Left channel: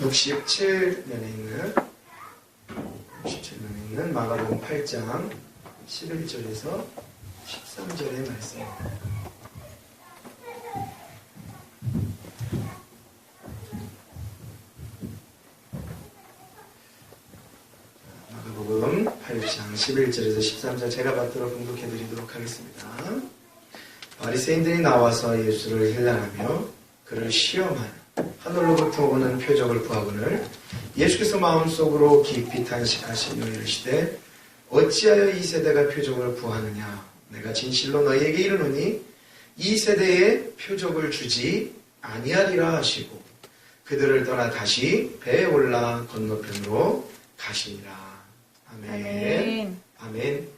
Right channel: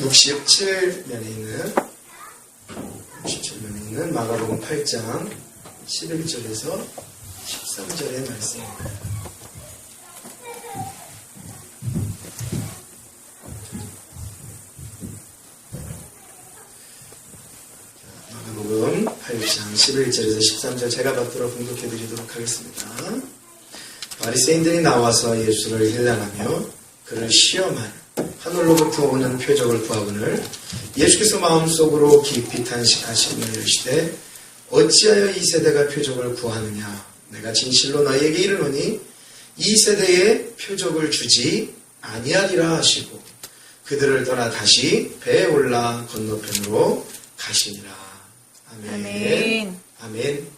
67면에 있는 마가복음 8장 11절에서 13절의 말씀입니다. 마가복음 8장 11절에서 13절 제가 받들어 봉독해 드리도록 하겠습니다. 바리새인들이 나와서 예수를 힐난하며 그를 시험하는 하늘로부터 오는 표적을 구하거늘 예수께서 마음속으로 깊이 탄식하시며 이르시되 어찌하여 이 세대가 표적을 구하느냐 내가 진실로 너희에게 이르노니 이 세대에 표적을 주지 아니하리라 하시고 그들을 떠나 다시 배에 올라 건너편으로 가시니라. 아멘. 아멘.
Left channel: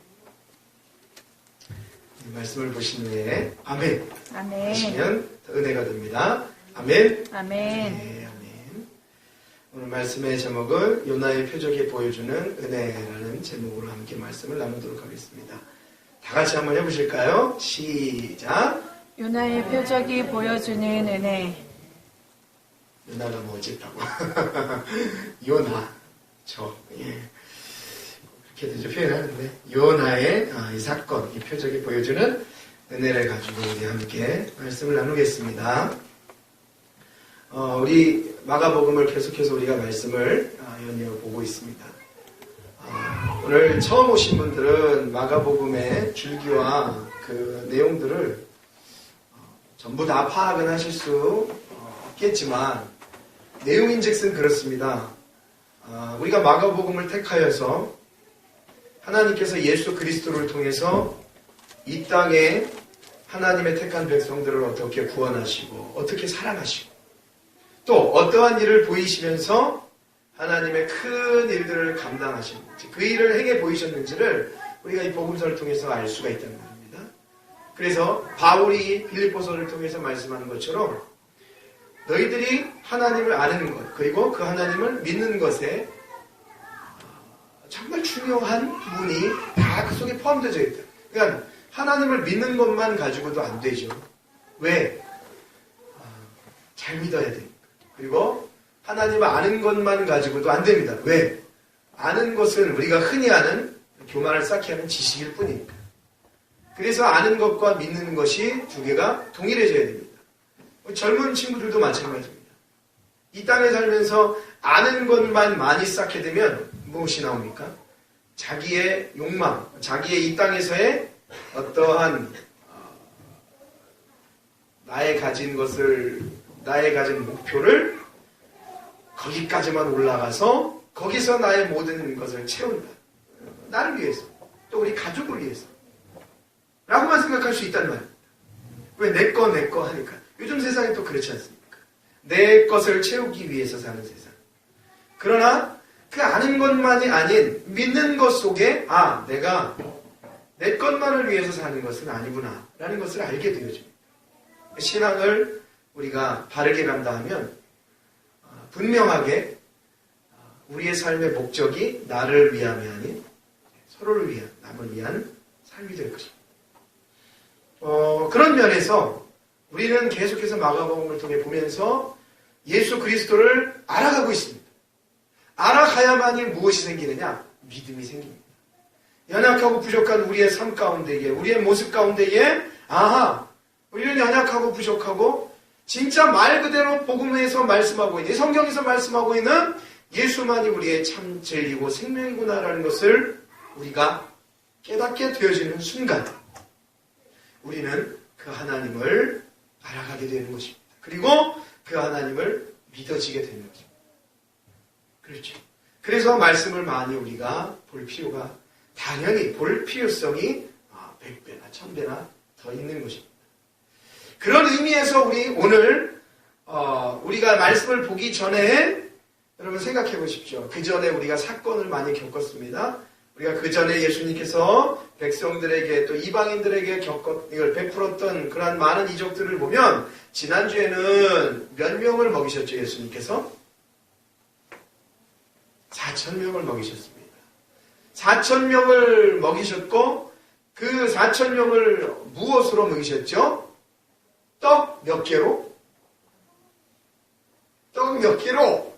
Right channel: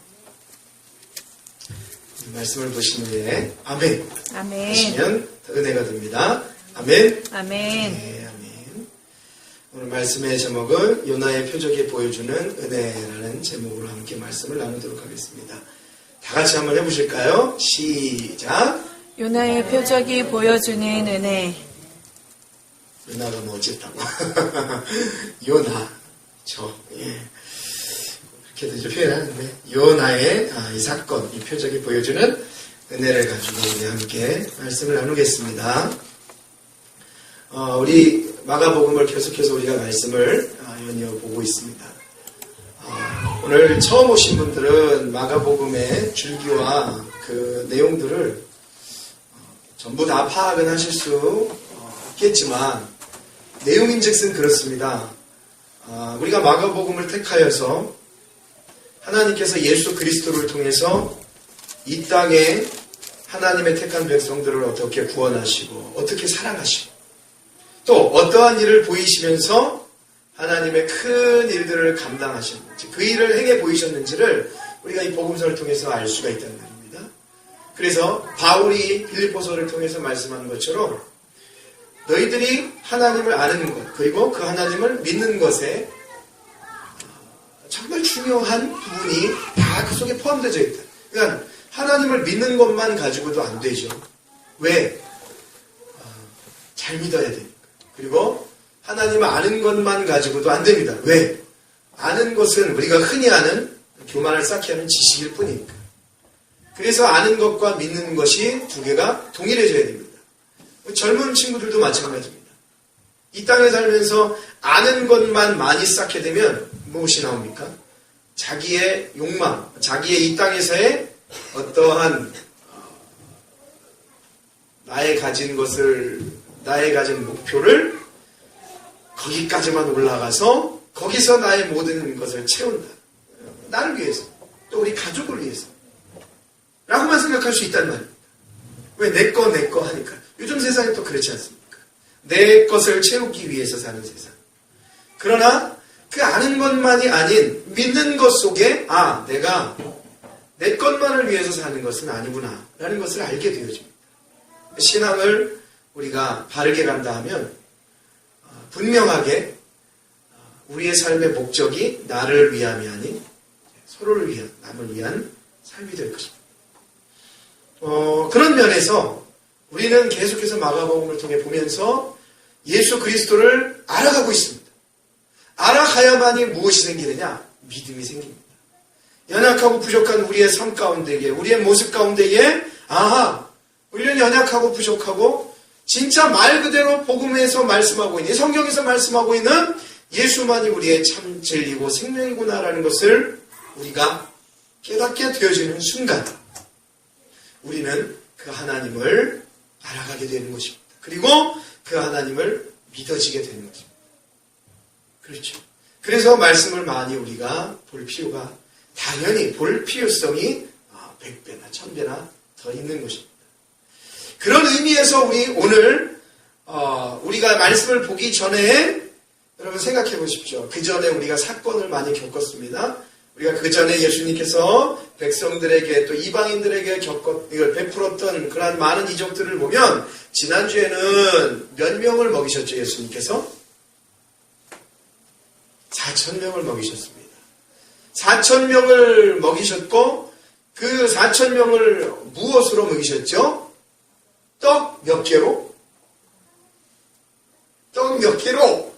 이 말씀을 보신 후에 아멘. 아멘. 하시면 더 은혜가 됩니다. 아멘. 아멘. 네, 아멘. 오늘 말씀의 제목은 요나의 표적이 보여주는 은혜라는 제목으로 함께 말씀을 나누도록 하겠습니다. 다 같이 한번 해보실까요? 시작. 요나의 표적이 보여주는 은혜. 요나가 뭐 어쨌다고? 요나. 그렇게도 표현하는데 요나의 이 사건, 이 표적이 보여주는 은혜를 가지고 우리 함께 말씀을 나누겠습니다. 우리 마가복음을 계속해서 우리가 말씀을 연이어보고 있습니다. 오늘 처음 오신 분들은 마가복음의 줄기와 그 내용들을 전부 다 파악은 하실 수 없겠지만 내용인즉슨 그렇습니다. 우리가 마가복음을 택하여서 하나님께서 예수 그리스도를 통해서 이 땅에 하나님의 택한 백성들을 어떻게 구원하시고 어떻게 사랑하시고 또 어떠한 일을 보이시면서 하나님의 큰 일들을 감당하셨는지 그 일을 행해 보이셨는지를 우리가 이 복음서를 통해서 알 수가 있다는 말입니다. 그래서 바울이 빌립보서를 통해서 말씀한 것처럼 너희들이 하나님을 아는 것 그리고 그 하나님을 믿는 것에 정말 중요한 부분이 다 그 속에 포함되어 있다. 그러니까 하나님을 믿는 것만 가지고도 안 되죠. 왜? 잘 믿어야 됩니다. 그리고 하나님을 아는 것만 가지고도 안 됩니다. 왜? 아는 것은 우리가 흔히 아는 교만을 쌓게 하는 지식일 뿐이니까. 그래서 아는 것과 믿는 것이 두 개가 동일해져야 됩니다. 젊은 친구들도 마찬가지입니다. 이 땅에 살면서 아는 것만 많이 쌓게 되면 무엇이 나옵니까? 자기의 욕망, 자기의 이 땅에서의 어떠한 나의 가진 것을, 나의 가진 목표를 거기까지만 올라가서 거기서 나의 모든 것을 채운다. 나를 위해서, 또 우리 가족을 위해서 라고만 생각할 수 있단 말입니다. 왜 내 거 하니까. 요즘 세상이 또 그렇지 않습니까? 내 것을 채우기 위해서 사는 세상. 그러나 그 아는 것만이 아닌 믿는 것 속에 내가 내 것만을 위해서 사는 것은 아니구나 라는 것을 알게 되어집니다. 신앙을 우리가 바르게 간다 하면 분명하게 우리의 삶의 목적이 나를 위함이 아닌 서로를 위한, 남을 위한 삶이 될 것입니다. 그런 면에서 우리는 계속해서 마가복음을 통해 보면서 예수 그리스도를 알아가고 있습니다. 알아가야만이 무엇이 생기느냐? 믿음이 생깁니다. 연약하고 부족한 우리의 삶 가운데에, 우리의 모습 가운데에 우리는 연약하고 부족하고 진짜 말 그대로 복음에서 말씀하고 있는, 성경에서 말씀하고 있는 예수만이 우리의 참 진리고 생명이구나라는 것을 우리가 깨닫게 되어지는 순간 우리는 그 하나님을 알아가게 되는 것입니다. 그리고 그 하나님을 믿어지게 되는 것입니다. 그렇죠. 그래서 말씀을 많이 우리가 볼 필요가 당연히 볼 필요성이 100배나 1000배나 더 있는 것입니다. 그런 의미에서 우리 오늘 우리가 말씀을 보기 전에 여러분 생각해 보십시오. 그 전에 우리가 사건을 많이 겪었습니다. 우리가 그 전에 예수님께서 백성들에게 또 이방인들에게 이걸 베풀었던 그러한 많은 이적들을 보면 지난주에는 몇 명을 먹이셨죠? 예수님께서 4,000명을 먹이셨습니다. 4,000명을 먹이셨고 그 4,000명을 무엇으로 먹이셨죠? 떡 몇 개로? 떡 몇 개로?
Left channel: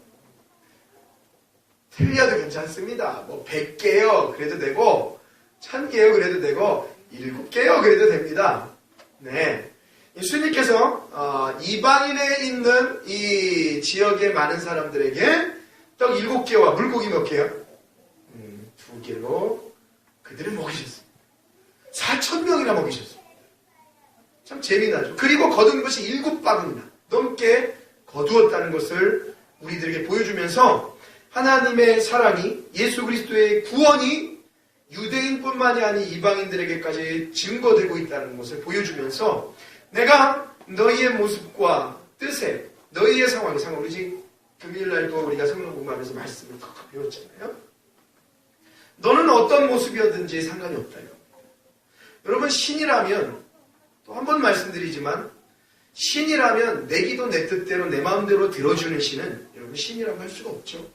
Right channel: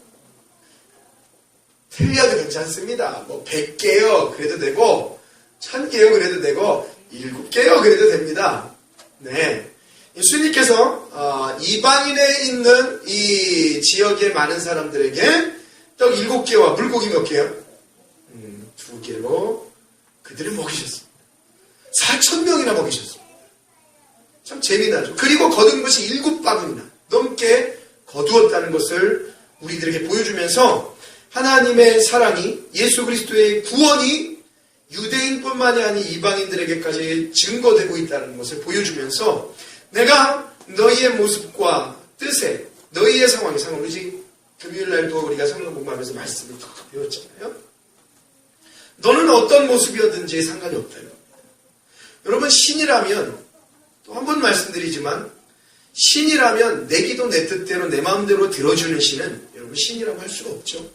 틀려도 괜찮습니다. 뭐 100개요 그래도 되고 1000개요 그래도 되고 7개요 그래도 됩니다. 네, 예수님께서 이방인에 있는 이 지역의 많은 사람들에게 떡 7개와 물고기 몇 개요? 2개로 그들을 먹이셨습니다. 4,000명이나 먹이셨습니다. 참 재미나죠. 그리고 거둔 것이 7바구니나 넘게 거두었다는 것을 우리들에게 보여주면서 하나님의 사랑이, 예수 그리스도의 구원이 유대인뿐만이 아닌 이방인들에게까지 증거되고 있다는 것을 보여주면서 내가 너희의 모습과 뜻에, 너희의 상황에 상관없이 금요일날도 우리가 성경 공부하면서 말씀을 배웠잖아요. 너는 어떤 모습이었든지 상관이 없다. 여러분, 신이라면 또 한 번 말씀드리지만 신이라면 내 기도 내 뜻대로 내 마음대로 들어주는 신은 여러분 신이라고 할 수가 없죠.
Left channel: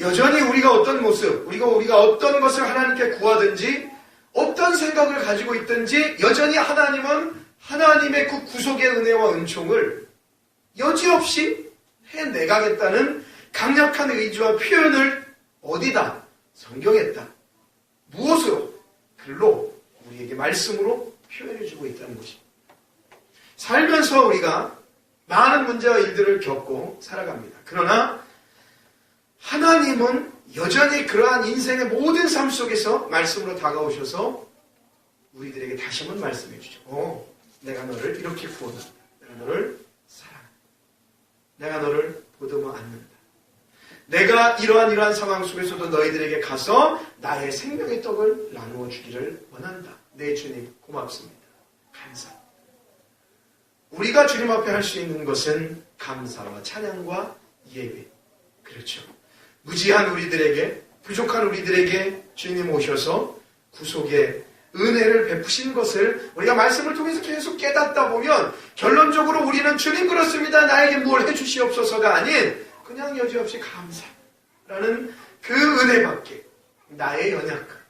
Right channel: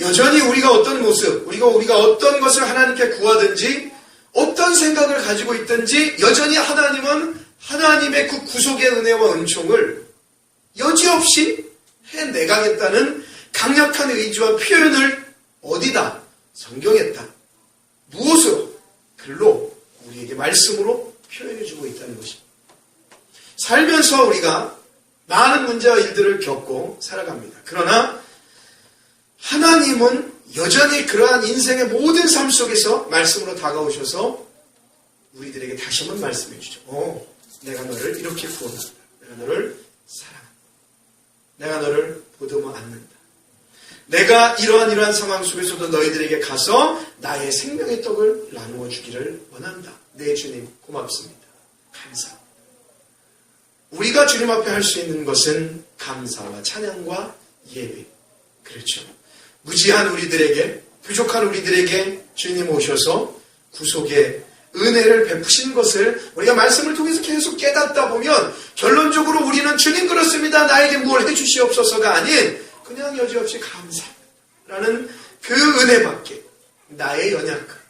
여전히 우리가 어떤 모습, 우리가 어떤 것을 하나님께 구하든지 어떤 생각을 가지고 있든지 여전히 하나님은 하나님의 그 구속의 은혜와 은총을 여지없이 해내가겠다는 강력한 의지와 표현을 어디다? 성경에다. 무엇으로? 글로, 우리에게 말씀으로 표현해주고 있다는 것입니다. 살면서 우리가 많은 문제와 일들을 겪고 살아갑니다. 그러나 하나님은 여전히 그러한 인생의 모든 삶 속에서 말씀으로 다가오셔서 우리들에게 다시 한번 말씀해 주죠. 내가 너를 이렇게 구원한다. 내가 너를 사랑한다. 내가 너를 보듬어 안는다. 내가 이러한 상황 속에서도 너희들에게 가서 나의 생명의 떡을 나누어 주기를 원한다. 네, 주님 고맙습니다. 감사합니다. 우리가 주님 앞에 할 수 있는 것은 감사와 찬양과 예배. 그렇죠. 무지한 우리들에게, 부족한 우리들에게 주님 오셔서 구속의 은혜를 베푸신 것을 우리가 말씀을 통해서 계속 깨닫다 보면 결론적으로 우리는 주님 그렇습니다. 나에게 무엇을 해주시옵소서가 아닌 그냥 여지없이 감사라는 그 은혜밖에 나의 연약함.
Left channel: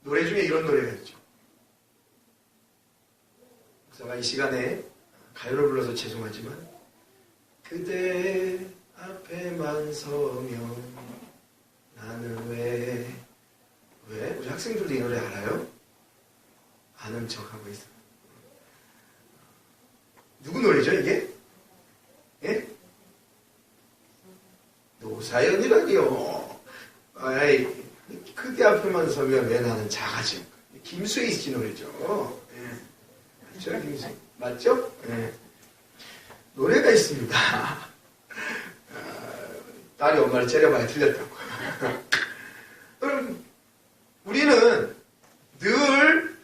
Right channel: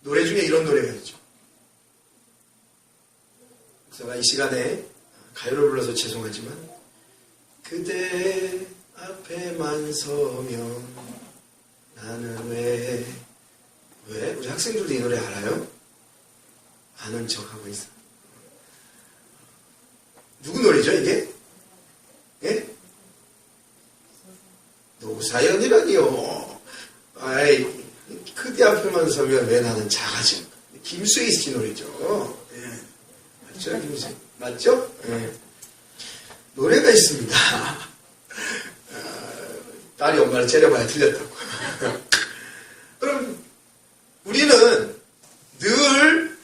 노래 중에 이런 노래가 있죠. 제가 이 시간에 가요를 불러서 죄송하지만 그대 앞에만 서면 나는 왜 우리 학생들도 이 노래 알아요? 아는 척하고 있어. 누구 노래죠 이게? 예? 노사연이라니요. 아이, 그대 앞에만 서면 왜 나는 작아짐. 김수희 씨 노래죠. 예. 맞죠? 김수희. 맞죠? 예. 노래가 있습니다. 딸이 엄마를 째려봐야 틀렸다고. 그럼 우리는 늘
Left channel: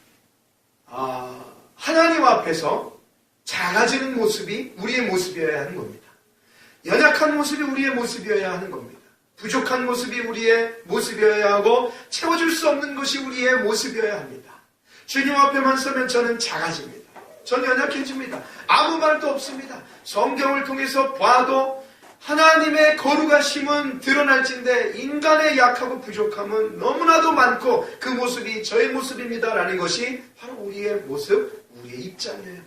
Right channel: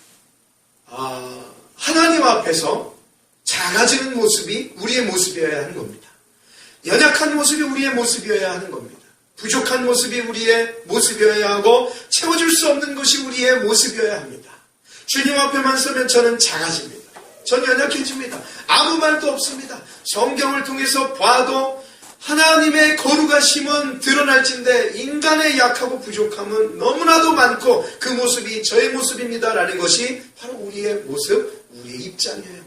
하나님 앞에서 작아지는 모습이 우리의 모습이어야 하는 겁니다. 연약한 모습이 우리의 모습이어야 하는 겁니다. 부족한 모습이 우리의 모습이어야 하고 채워줄 수 없는 것이 우리의 모습이어야 합니다. 주님 앞에만 서면 저는 작아집니다. 저는 연약해집니다. 아무 말도 없습니다. 성경을 통해서 봐도 하나님의 거룩하심은 드러날진데 인간의 약하고 부족함은 너무나도 많고 그 모습이 저의 모습입니다라는 것이 바로 우리의 모습, 우리의 입장이어야 합니다.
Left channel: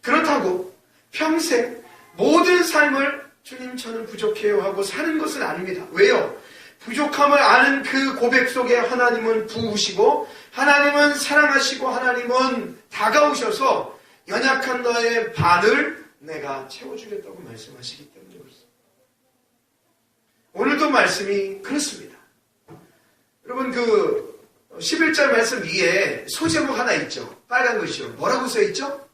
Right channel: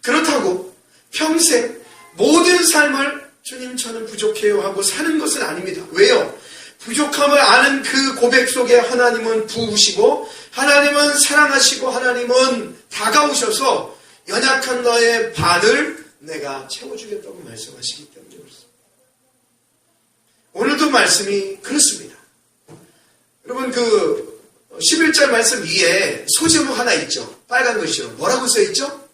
그렇다고 평생 모든 삶을 주님 저는 부족해요 하고 사는 것은 아닙니다. 왜요? 부족함을 아는 그 고백 속에 하나님은 부으시고 하나님은 사랑하시고 하나님은 다가오셔서 연약한 너의 반을 내가 채워주겠다고 말씀하시기 때문에 그렇습니다. 오늘도 말씀이 그렇습니다. 여러분 그 11절 말씀 위에 소제목 하나 있죠. 빨간 글씨로. 뭐라고 써있죠?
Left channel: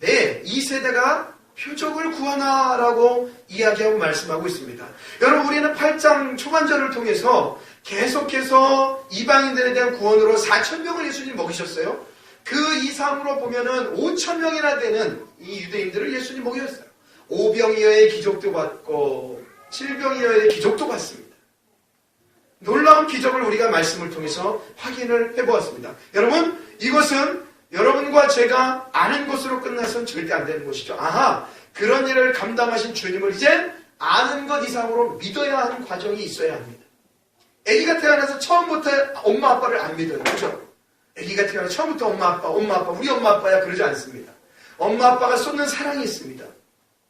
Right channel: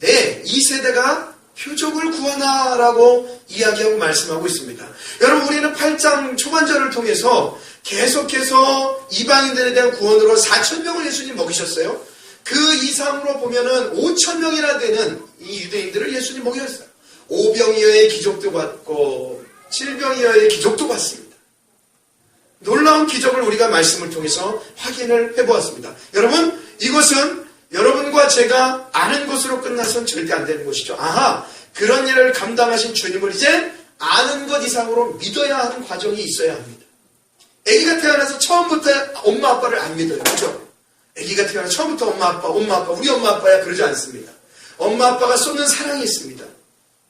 네, 이 세대가 표적을 구하나라고 이야기하고 말씀하고 있습니다. 여러분 우리는 8장 초반절을 통해서 계속해서 이방인들에 대한 구원으로 4,000명을 예수님 먹이셨어요. 그 이상으로 보면은 5,000명이나 되는 이 유대인들을 예수님 먹이셨어요. 5병 이하의 기적도 받고 7병 이하의 기적도 받습니다. 놀라운 기적을 우리가 말씀을 통해서 확인을 해보았습니다. 여러분 이것은 여러분과 제가 아는 것으로 끝나서는 절대 안 되는 것이죠. 아하, 그런 일을 감당하신 주님을 이제 아는 것 이상으로 믿어야 하는 과정이 있어야 합니다. 아기가 태어나서 처음부터 엄마 아빠를 안 믿어요. 그죠? 아기가 태어나서 처음부터 엄마 아빠, 우리 엄마 아빠야 그러지 않습니다. 엄마 아빠가 쏟는 사랑이 있습니다.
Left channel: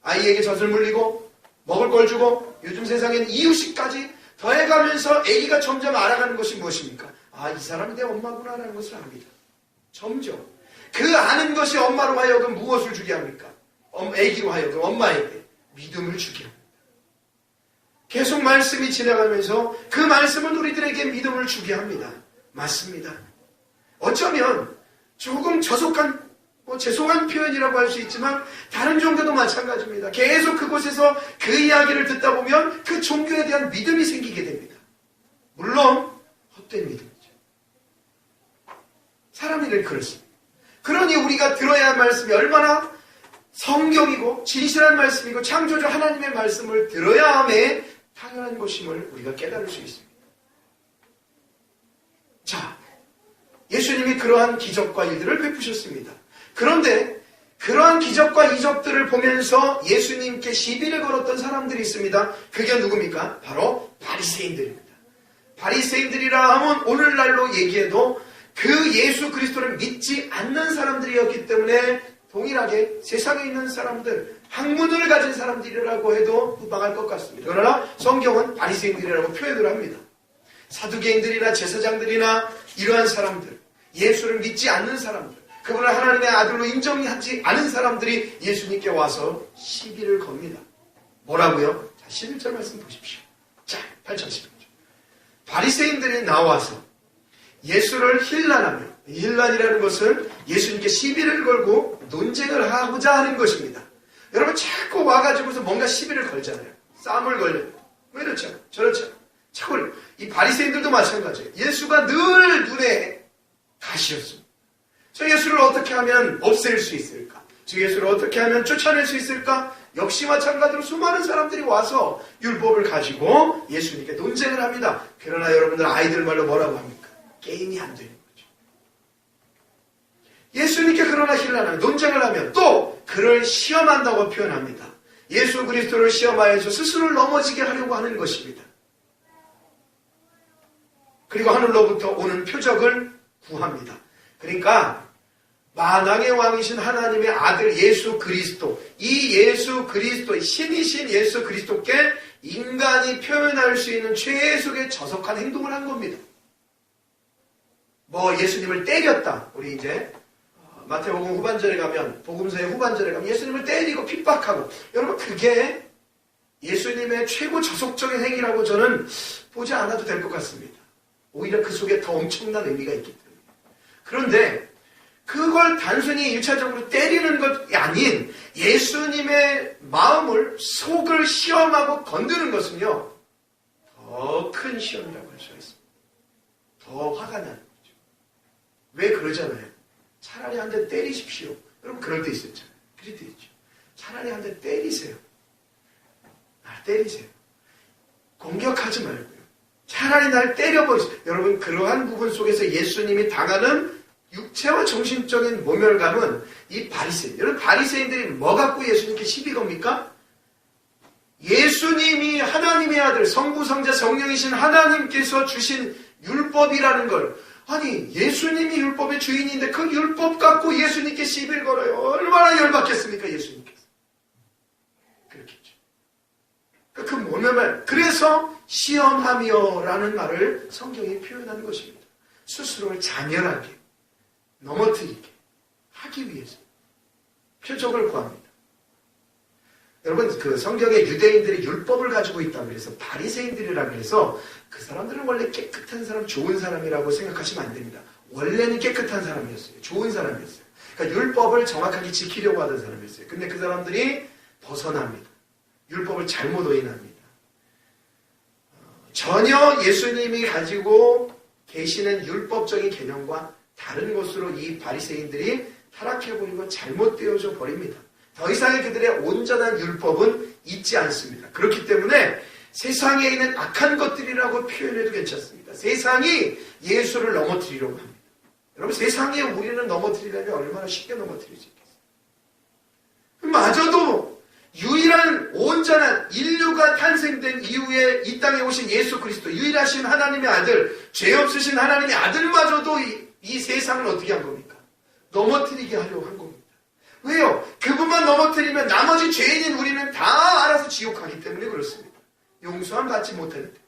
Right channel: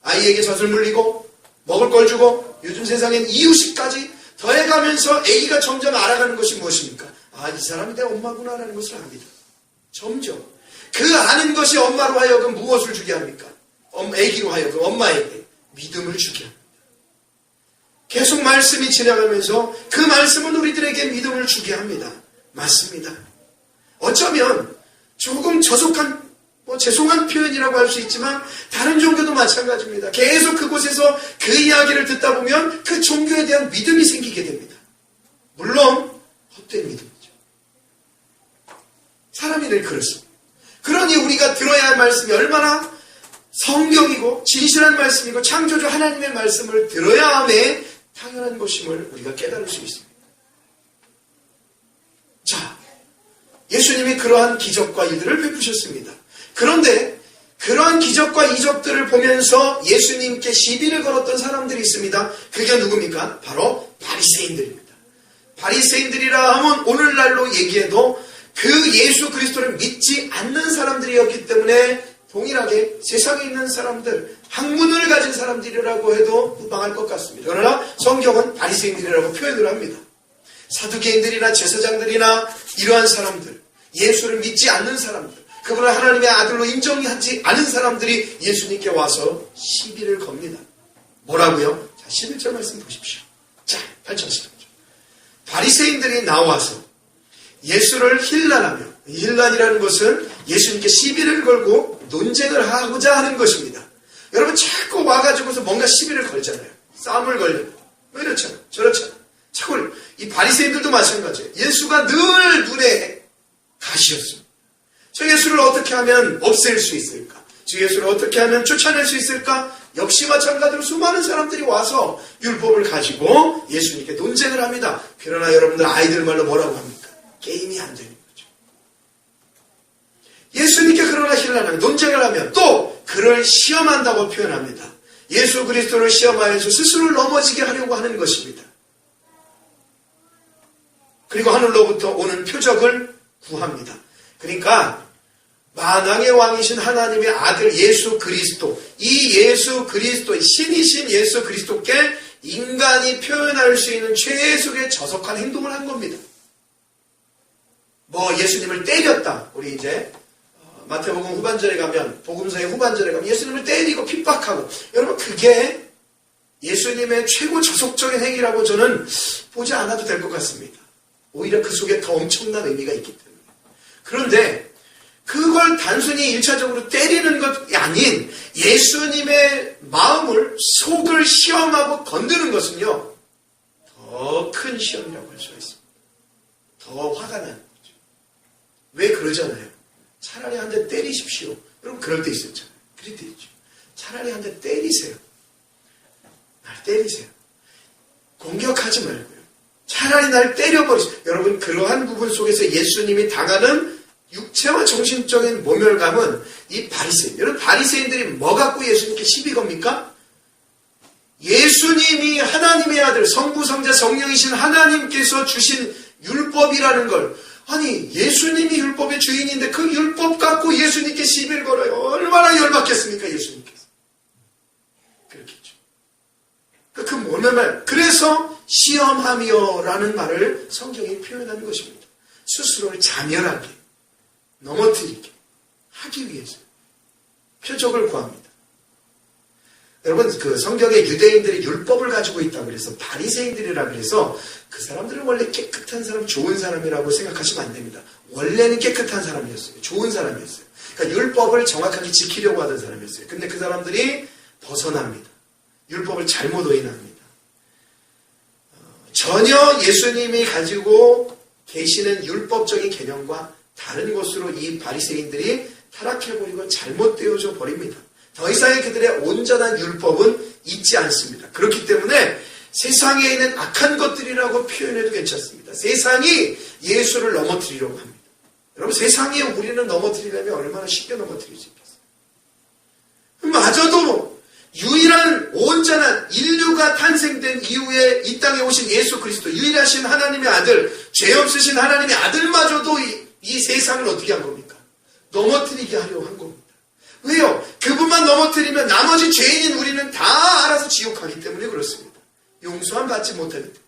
아이에게 젖을 물리고 먹을 걸 주고 요즘 세상엔 이유식까지 더해가면서 아기가 점점 알아가는 것이 무엇입니까? 아, 이 사람이 내 엄마구나라는 것을 압니다. 점점. 그 아는 것이 엄마로 하여금 무엇을 주게 합니까? 아기로 하여금 엄마에게 믿음을 주게 합니다. 계속 말씀이 지나가면서 그 말씀은 우리들에게 믿음을 주게 합니다. 맞습니다. 어쩌면 조금 죄송한 표현이라고 할 수 있지만 다른 종교도 마찬가지입니다. 계속 그곳에서 그 이야기를 듣다 보면 그 종교에 대한 믿음이 생기게 됩니다. 물론 헛된 믿음이죠. 사람이 늘 그렇습니다. 그러니 우리가 들어야 할 말씀이 얼마나 성경이고 진실한 말씀이고 창조주 하나님의 말씀을 들어야 함에 당연한 것임을 우리가 깨달을 수 있습니다. 자, 예수님이 그러한 기적과 일들을 베푸셨습니다. 그런데 그러한 기적과 이적들을 보면서 예수님께 시비를 걸었던 사람들이 있습니다. 그게 누굽니까? 바로 바리새인들입니다. 바리새인들이라 하면 오늘날로 얘기해도 그 예수 그리스도를 믿지 않는 사람들이었기 때문에 동일하게 세상에 있는 사람들, 학문을 가진 사람들이라고 해도 무방할 것 같습니다. 그러나 성경은 바리새인들이라고 표현을 합니다. 사두개인들이나 제사장들이나 이러한 사람들, 예수를 믿지 않는 사람들, 그분을 하나님의 아들로 인정하지 않은 사람들이 예수님께 와서 시비를 겁니다. 뭐라고요? 자, 11절 말씀 보십시오. 자, 8절 바리새인들이 나와서 예수를 힐난하며, 힐난이라는 것은 예수님께 시비를 걸고 논쟁을 하고자 하는 것입니다. 여러분 자꾸 와가지고서 뭔가 시비를 걸잖아요. 싸움을 걸려요. 왜 이렇잖아요. 저렇잖아요. 자꾸 이 바리새인들도 마찬가지예요. 예수가 늘 눈에 가시였습니다. 저 예수를 어떻게 하면 없앨 수 있을까? 저 예수를 어떻게 하면 쫓아낼 수 있을까? 역시 마찬가지로 수많은 사람들이 와서 율법을 가지고 예수님께 논쟁을 합니다. 그러나 여러분들 아이들 말로 뭐라고 합니까? 게임이 안 되는 거죠. 예수님께 그러나 힐난하면 논쟁을 하면 또 그를 시험한다고 표현합니다. 예수 그리스도를 시험하여서 스스로를 넘어지게 하려고 하는 것입니다. 그리고 하늘로부터 오는 표적을 구합니다. 그러니까 만왕의 왕이신 하나님의 아들 예수 그리스도, 이 예수 그리스도, 신이신 예수 그리스도께 인간이 표현할 수 있는 최소의 저속한 행동을 한 겁니다. 뭐 예수님을 때렸다. 우리 이제 마태복음 후반절에 가면, 복음서의 후반절에 가면 예수님을 때리고 핍박하고, 여러분 그게 예수님의 최고 저속적인 행위라고 저는 보지 않아도 될 것 같습니다. 오히려 그 속에 더 엄청난 의미가 있기 때문에. 그런데 그걸 단순히 1차적으로 때리는 것이 아닌 예수님의 마음을, 속을 시험하고 건드는 것은요, 더 큰 시험이라고 할 수가 있습니다. 더 화가 나는 거죠. 왜 그러잖아요. 차라리 한 대 때리십시오. 여러분 그럴 때 있었잖아요. 그럴 때 있죠. 차라리 한 대 때리세요. 날 때리세요. 공격하지 말고요. 차라리 날 때려버리세요. 여러분 그러한 부분 속에서 예수님이 당하는 육체와 정신적인 모멸감은 이 바리새인. 여러분 바리새인들이 뭐 갖고 예수님께 시비 겁니까? 예수님이 하나님의 아들, 성부, 성자, 성령이신 하나님께서 주신 율법이라는 걸, 아니 예수님이 율법의 주인인데 그 율법 갖고 예수님께 시비를 걸어요. 얼마나 열받겠습니까 예수님께서. 그렇겠죠. 그 모멸말. 그래서 시험하며 라는 말을 성경이 표현하는 것입니다. 스스로를 자멸하게, 넘어뜨리게 하기 위해서 표적을 구합니다. 여러분 그 성경에 유대인들이 율법을 가지고 있다고 그래서 바리새인들이라 그래서 그 사람들은 원래 깨끗한 사람, 좋은 사람이라고 생각하시면 안 됩니다. 원래는 깨끗한 사람이었어요. 좋은 사람이었어요. 그러니까 율법을 정확하게 지키려고 하던 사람이었어요. 근데 그 사람들이 벗어납니다. 율법을 잘못 오인합니다. 전혀 예수님이 가지고 계시는 율법적인 개념과 다른 것으로 이 바리새인들이 타락해버리고 잘못되어져 버립니다. 더 이상의 그들의 온전한 율법은 있지 않습니다. 그렇기 때문에 세상에 있는 악한 것들이라고 표현해도 괜찮습니다. 세상이 예수를 넘어뜨리려고 합니다. 여러분 세상에 우리는 넘어뜨리려면 얼마나 쉽게 넘어뜨릴 수 있겠어요. 마저도 유일한 온전한 인류가 탄생된 이후에 이 땅에 오신 예수 그리스도, 유일하신 하나님의 아들, 죄 없으신 하나님의 아들마저도 이 세상을 어떻게 한 겁니까? 넘어뜨리게 하려고 한 겁니다. 왜요? 그분만 넘어뜨리면 나머지 죄인인 우리는 다 알아서 지옥 가기 때문에 그렇습니다. 용서함 받지 못하기 때문에.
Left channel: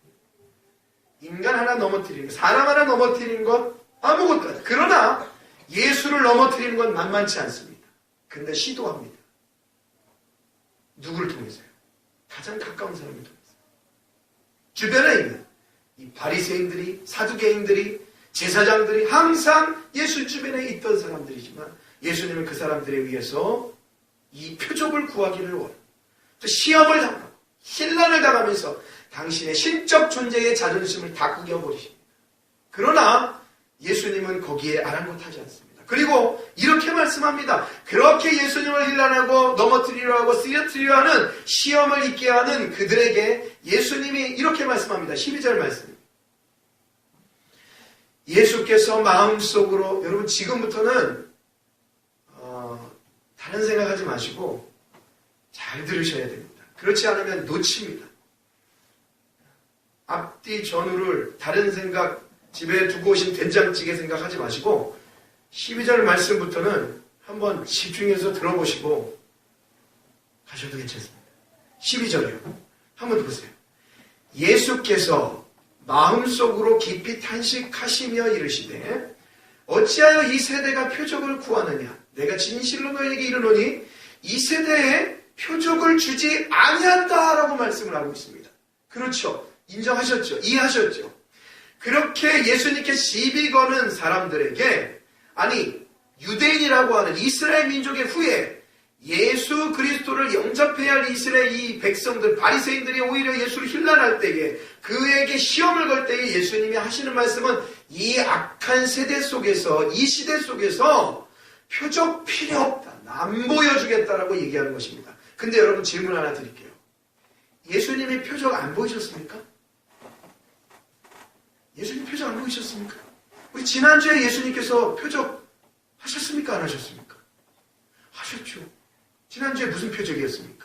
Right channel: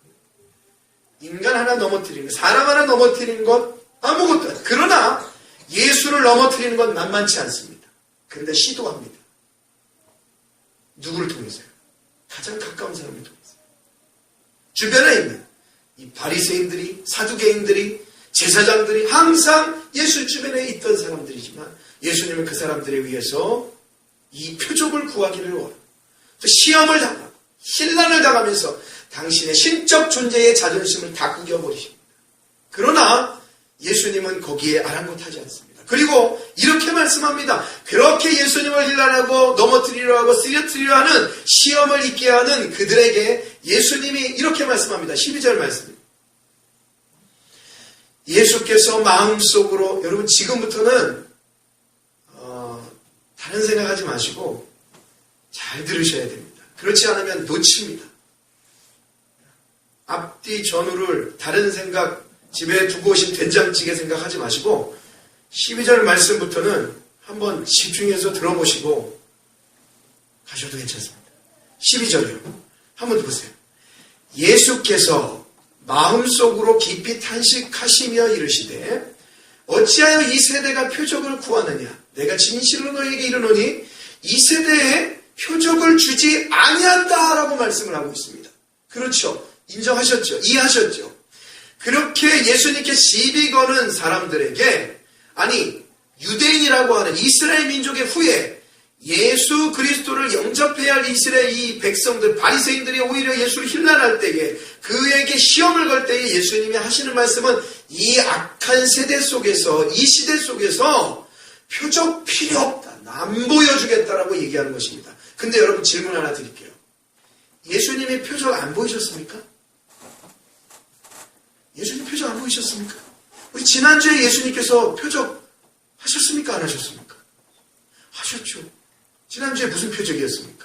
인간 하나 넘어뜨리는 것, 사람 하나 넘어뜨리는 것 아무것도 아니에요. 그러나 예수를 넘어뜨리는 건 만만치 않습니다. 그런데 시도합니다. 누구를 통해서요? 가장 가까운 사람을 통해서. 주변에 있는 이 바리새인들이, 사두개인들이, 제사장들이 항상 예수 주변에 있던 사람들이지만 예수님은 그 사람들에 의해서 이 표적을 구하기를 원해요. 시험을 당하고 신난을 당하면서 당신의 신적 존재의 자존심을 다 구겨버리십니다. 그러나 예수님은 거기에 아랑곳하지 않습니다. 그리고 이렇게 말씀합니다. 그렇게 예수님을 힐난하고 넘어뜨리려 하고 쓰러뜨리려 하는 시험을 있게 하는 그들에게 예수님이 이렇게 말씀합니다. 12절 말씀입니다. 예수께서 마음속으로, 여러분 지금부터는 다른 생각하지 마시고 잘 들으셔야 됩니다. 그렇지 않으면 놓칩니다. 앞뒤 전후를 다른 생각, 집에 두고 오신 된장찌개 생각하지 마시고 12절 말씀부터는 한번 집중해서 들어보시고 가셔도 괜찮습니다. 12절이요. 한번 보세요. 예수께서 마음속으로 깊이 탄식하시며 이르시되 어찌하여 이 세대가 표적을 구하느냐. 내가 진실로 너희에게 이르노니 이 세대에 표적을 주지 아니한다라고 말씀을 하고 있습니다. 그렇죠. 인정하셨죠. 이해하셨죠. 그렇게 예수님께 시비 거는 사람들에게, 아니 유대인이라고 하는 이스라엘 민족의 후예 예수 그리스도를 영접해야 할 이스라엘 이 백성들 바리새인들이 오히려 예수를 힐난할 때에 그에게 시험을 걸 때에 예수님이 하시는 말씀은 이 악한 세대 속에서, 이 시대 속에서 표적 필요 없다, 안 보여주겠다라고 얘기하는 것입니다. 근데 여러분 질문 하나 드릴게요. 예수님이 표적 안 보이셨습니까? 예수님 표적 안 보이셨습니까? 우리 지난주에 예수님께서 표적 하셨습니까? 안 하셨습니까? 하셨죠. 지난주에 무슨 표적이었습니까?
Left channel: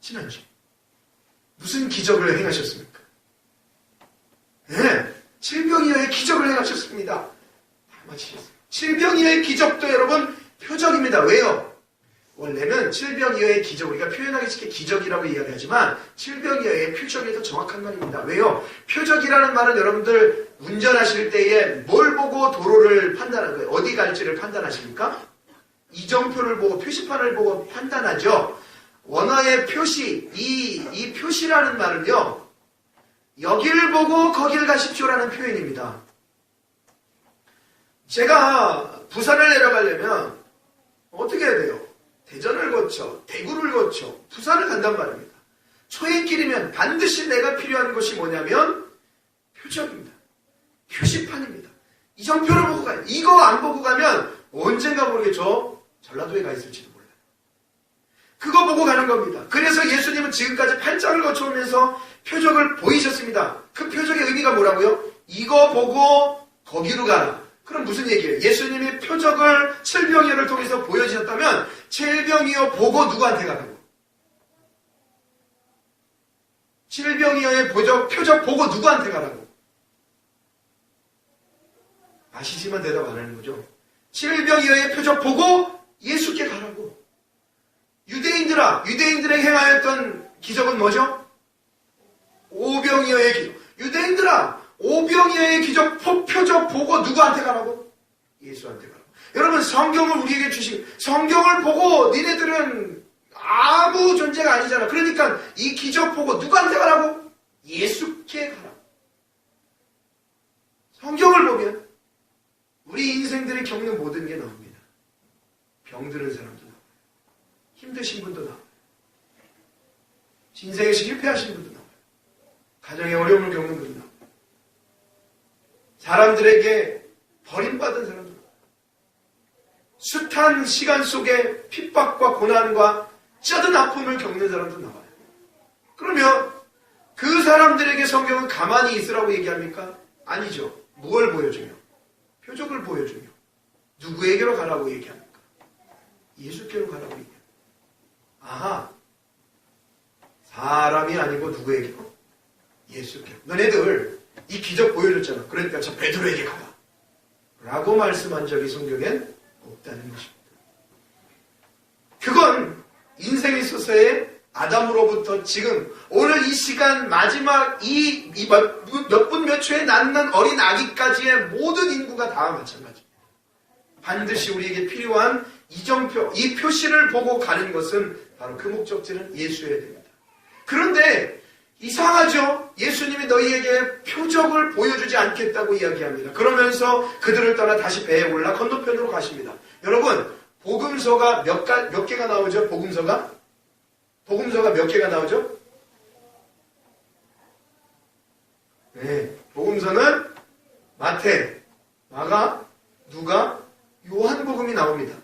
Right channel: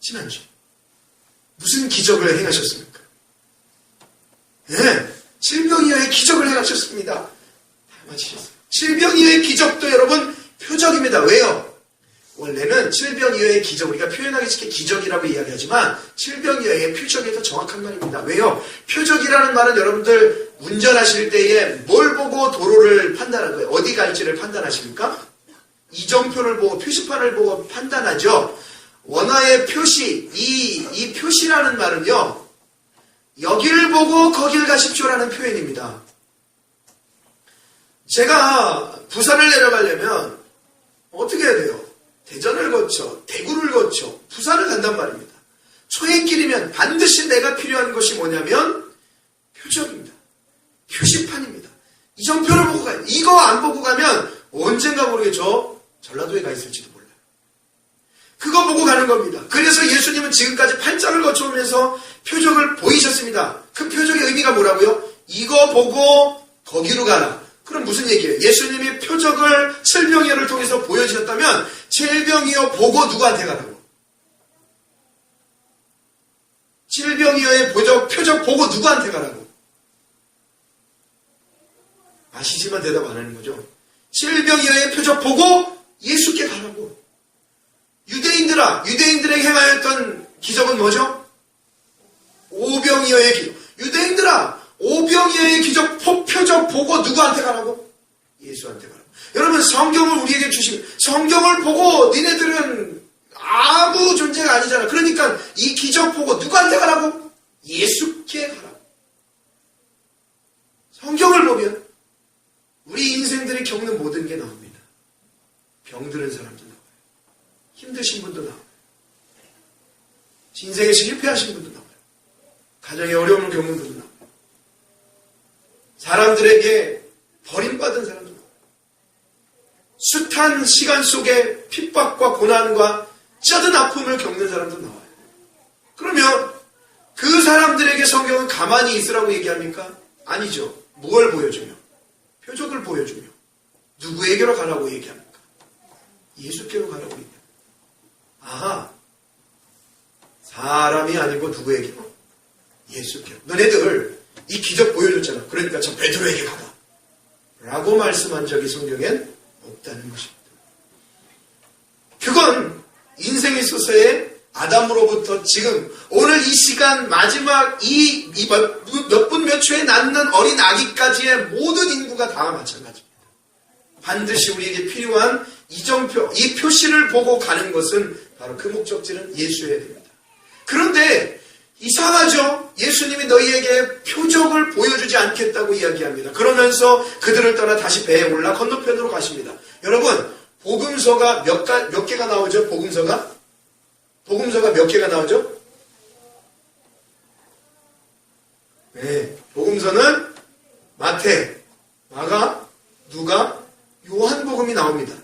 지난주 무슨 기적을 행하셨습니까? 네, 질병이어의 기적을 행하셨습니다. 다 맞히셨어요. 질병이어의 기적도 여러분 표적입니다. 왜요? 원래는 질병이어의 기적, 우리가 표현하기 쉽게 기적이라고 이야기하지만 질병이어의 표적이 더 정확한 말입니다. 왜요? 표적이라는 말은 여러분들 운전하실 때에 뭘 보고 도로를 판단하는 거예요? 어디 갈지를 판단하십니까? 이정표를 보고 표시판을 보고 판단하죠. 원어의 표시, 이 표시라는 말은요, 여길 보고 거길 가십시오라는 표현입니다. 제가 부산을 내려가려면 어떻게 해야 돼요? 대전을 거쳐, 대구를 거쳐, 부산을 간단 말입니다. 초행길이면 반드시 내가 필요한 것이 뭐냐면 표적입니다. 표시판입니다. 이정표를 보고 가요. 이거 안 보고 가면 언젠가 모르게 저 전라도에 가 있을지도 몰라요. 그거 보고 가는 겁니다. 그래서 예수님은 지금까지 팔짱을 거쳐오면서 표적을 보이셨습니다. 그 표적의 의미가 뭐라고요? 이거 보고 거기로 가라. 그럼 무슨 얘기예요? 예수님이 표적을 칠병이어를 통해서 보여주셨다면 칠병이어 보고 누구한테 가라고? 칠병이어의 표적 보고 누구한테 가라고? 아시지만 대답 안 하는 거죠. 칠병이어의 표적 보고 예수께 가라고. 유대인들아, 유대인들에게 행하였던 기적은 뭐죠? 오병이어의 기적. 유대인들아, 오병이어의 기적, 표적 보고 누구한테 가라고? 예수한테 가라고. 여러분, 성경을 우리에게 주시면 성경을 보고 니네들은 아무 존재가 아니잖아. 그러니까 이 기적 보고 누구한테 가라고? 예수께 가라고. 성경을 보면 우리 인생들이 겪는 모든 게 나옵니다. 병들은 사람도 나와요. 힘드신 분도 나와요. 인생에서 실패하신 분도 나와요. 가정에 어려움을 겪는 분도 나와요. 사람들에게 버림받은 사람도 나와요. 숱한 시간 속에 핍박과 고난과 쩌든 아픔을 겪는 사람도 나와요. 그러면 그 사람들에게 성경은 가만히 있으라고 얘기합니까? 아니죠. 뭘 보여주며? 표적을 보여주며 누구에게로 가라고 얘기합니까? 예수께로 가라고 얘기합니다. 아하, 사람이 아니고 누구에게로? 예수께로. 너네들 이 기적 보여줬잖아. 그러니까 저 베드로에게 가라 라고 말씀한 적이 성경엔 없다는 것입니다. 중생의 소서의 아담으로부터 지금 오늘 이 시간 마지막 이 몇 분 몇 초에 낳는 어린 아기까지의 모든 인구가 다 마찬가지입니다. 반드시 우리에게 필요한 이정표, 이 표시를 보고 가는 것은 바로 그 목적지는 예수여야 됩니다. 그런데 이상하죠? 예수님이 너희에게 표적을 보여주지 않겠다고 이야기합니다. 그러면서 그들을 떠나 다시 배에 올라 건너편으로 가십니다. 여러분, 복음서가 몇 개가 나오죠? 복음서가 몇 개가 나오죠? 네, 복음서는 마태, 마가, 누가, 요한복음이 나옵니다.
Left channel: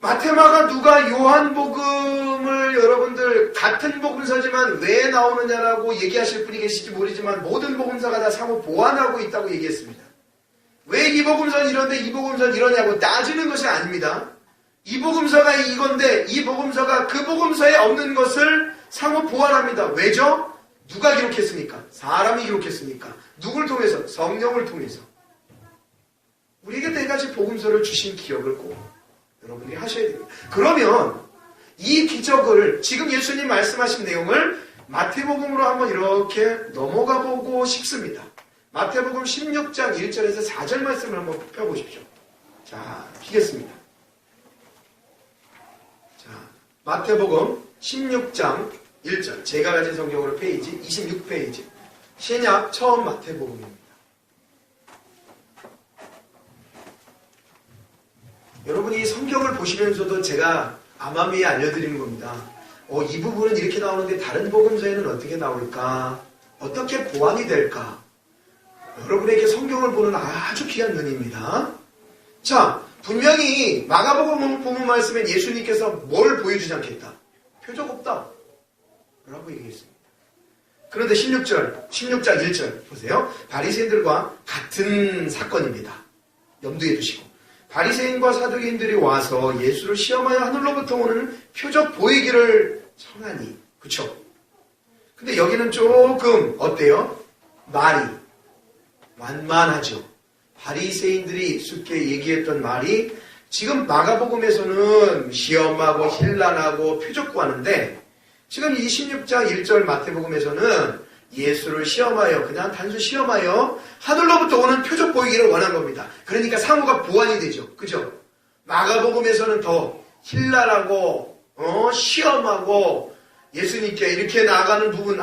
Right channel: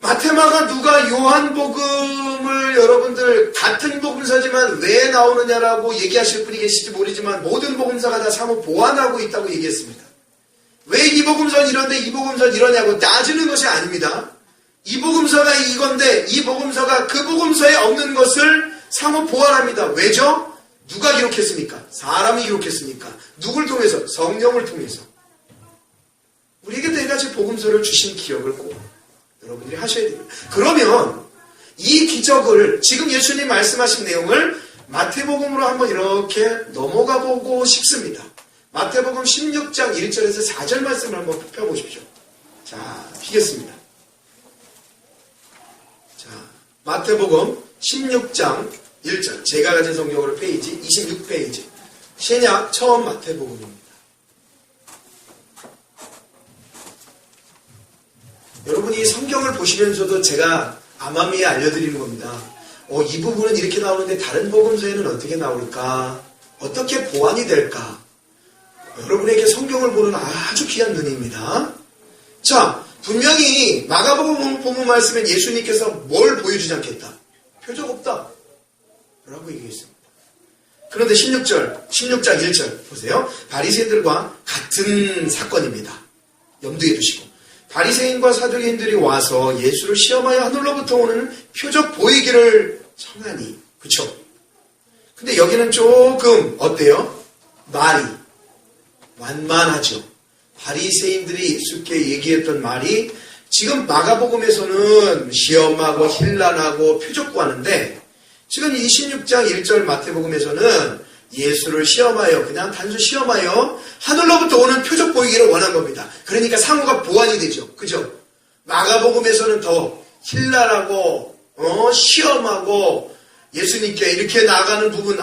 마태, 마가, 누가, 요한복음을 여러분들 같은 복음서지만 왜 나오느냐라고 얘기하실 분이 계실지 모르지만 모든 복음서가 다 사뭇 보완하고 있다고 얘기했습니다. 왜 이 복음서는 이런데 이 복음서는 이러냐고 따지는 것이 아닙니다. 이 복음서가 이건데 이 복음서가 그 복음서에 없는 것을 사뭇 보완합니다. 왜죠? 누가 기록했습니까? 사람이 기록했습니까? 누굴 통해서? 성령을 통해서. 우리에게 네 가지 복음서를 주신 기억을 꼭 여러분들이 하셔야 됩니다. 그러면 이 기적을 지금 예수님 말씀하신 내용을 마태복음으로 한번 이렇게 넘어가 보고 싶습니다. 마태복음 16장 1절에서 4절 말씀을 한번 펴보십시오. 자, 피겠습니다. 자, 마태복음 16장 1절. 제가 가진 성경으로 페이지 26페이지. 신약 처음 마태복음입니다. 여러분이 성경을 보시면서도 제가 암암리에 알려드리는 겁니다. 이 부분은 이렇게 나오는데 다른 복음서에는 어떻게 나올까? 어떻게 보완이 될까? 여러분에게 성경을 보는 아주 귀한 눈입니다. 자, 분명히 마가복음 보면 말씀엔 예수님께서 뭘 보여주지 않겠다? 표적 없다. 라고 얘기했습니다. 그런데 16장 1절 보세요. 바리새인들과 같은 사건입니다. 염두에 두시고. 바리새인과 사두개인들이 와서 예수를 시험하여 하늘로부터 오는 표적 보이기를 청하니. 그쵸? 근데 여기는 조금 어때요? 말이 완만하죠. 바리새인들이 쉽게 얘기했던 말이 지금 마가복음에서는 시험하고 힐난하고 표적 구하는데 지금 이 16장 1절 마태복음에서는 예수를 시험하여 그냥 단순 시험하여 하늘로부터 오는 표적 보이기를 원한 겁니다. 그러니까 상호가 보완이 되죠. 그죠? 마가복음에서는 더 힐난하고 시험하고 예수님께 이렇게 나아가는 부분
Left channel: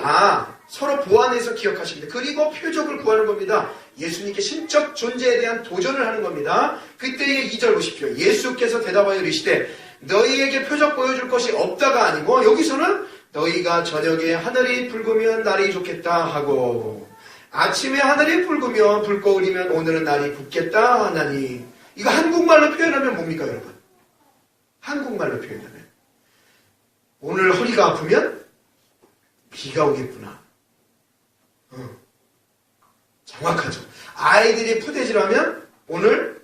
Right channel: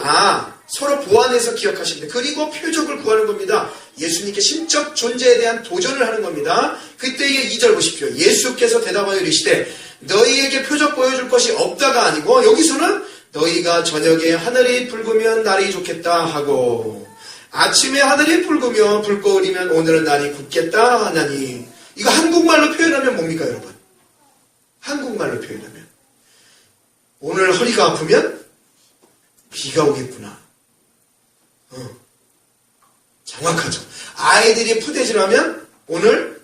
서로 보완해서 기억하십니다. 그리고 표적을 구하는 겁니다. 예수님께 신적 존재에 대한 도전을 하는 겁니다. 그때의 2절 보십시오. 예수께서 대답하여 이르시되 너희에게 표적 보여줄 것이 없다가 아니고 여기서는 너희가 저녁에 하늘이 붉으면 날이 좋겠다 하고 아침에 하늘이 붉으며 불거울이면 오늘은 날이 굳겠다 하나니. 이거 한국말로 표현하면 뭡니까 여러분? 한국말로 표현하면 오늘 허리가 아프면 비가 오겠구나. 정확하죠. 아이들이 푸대질하면 오늘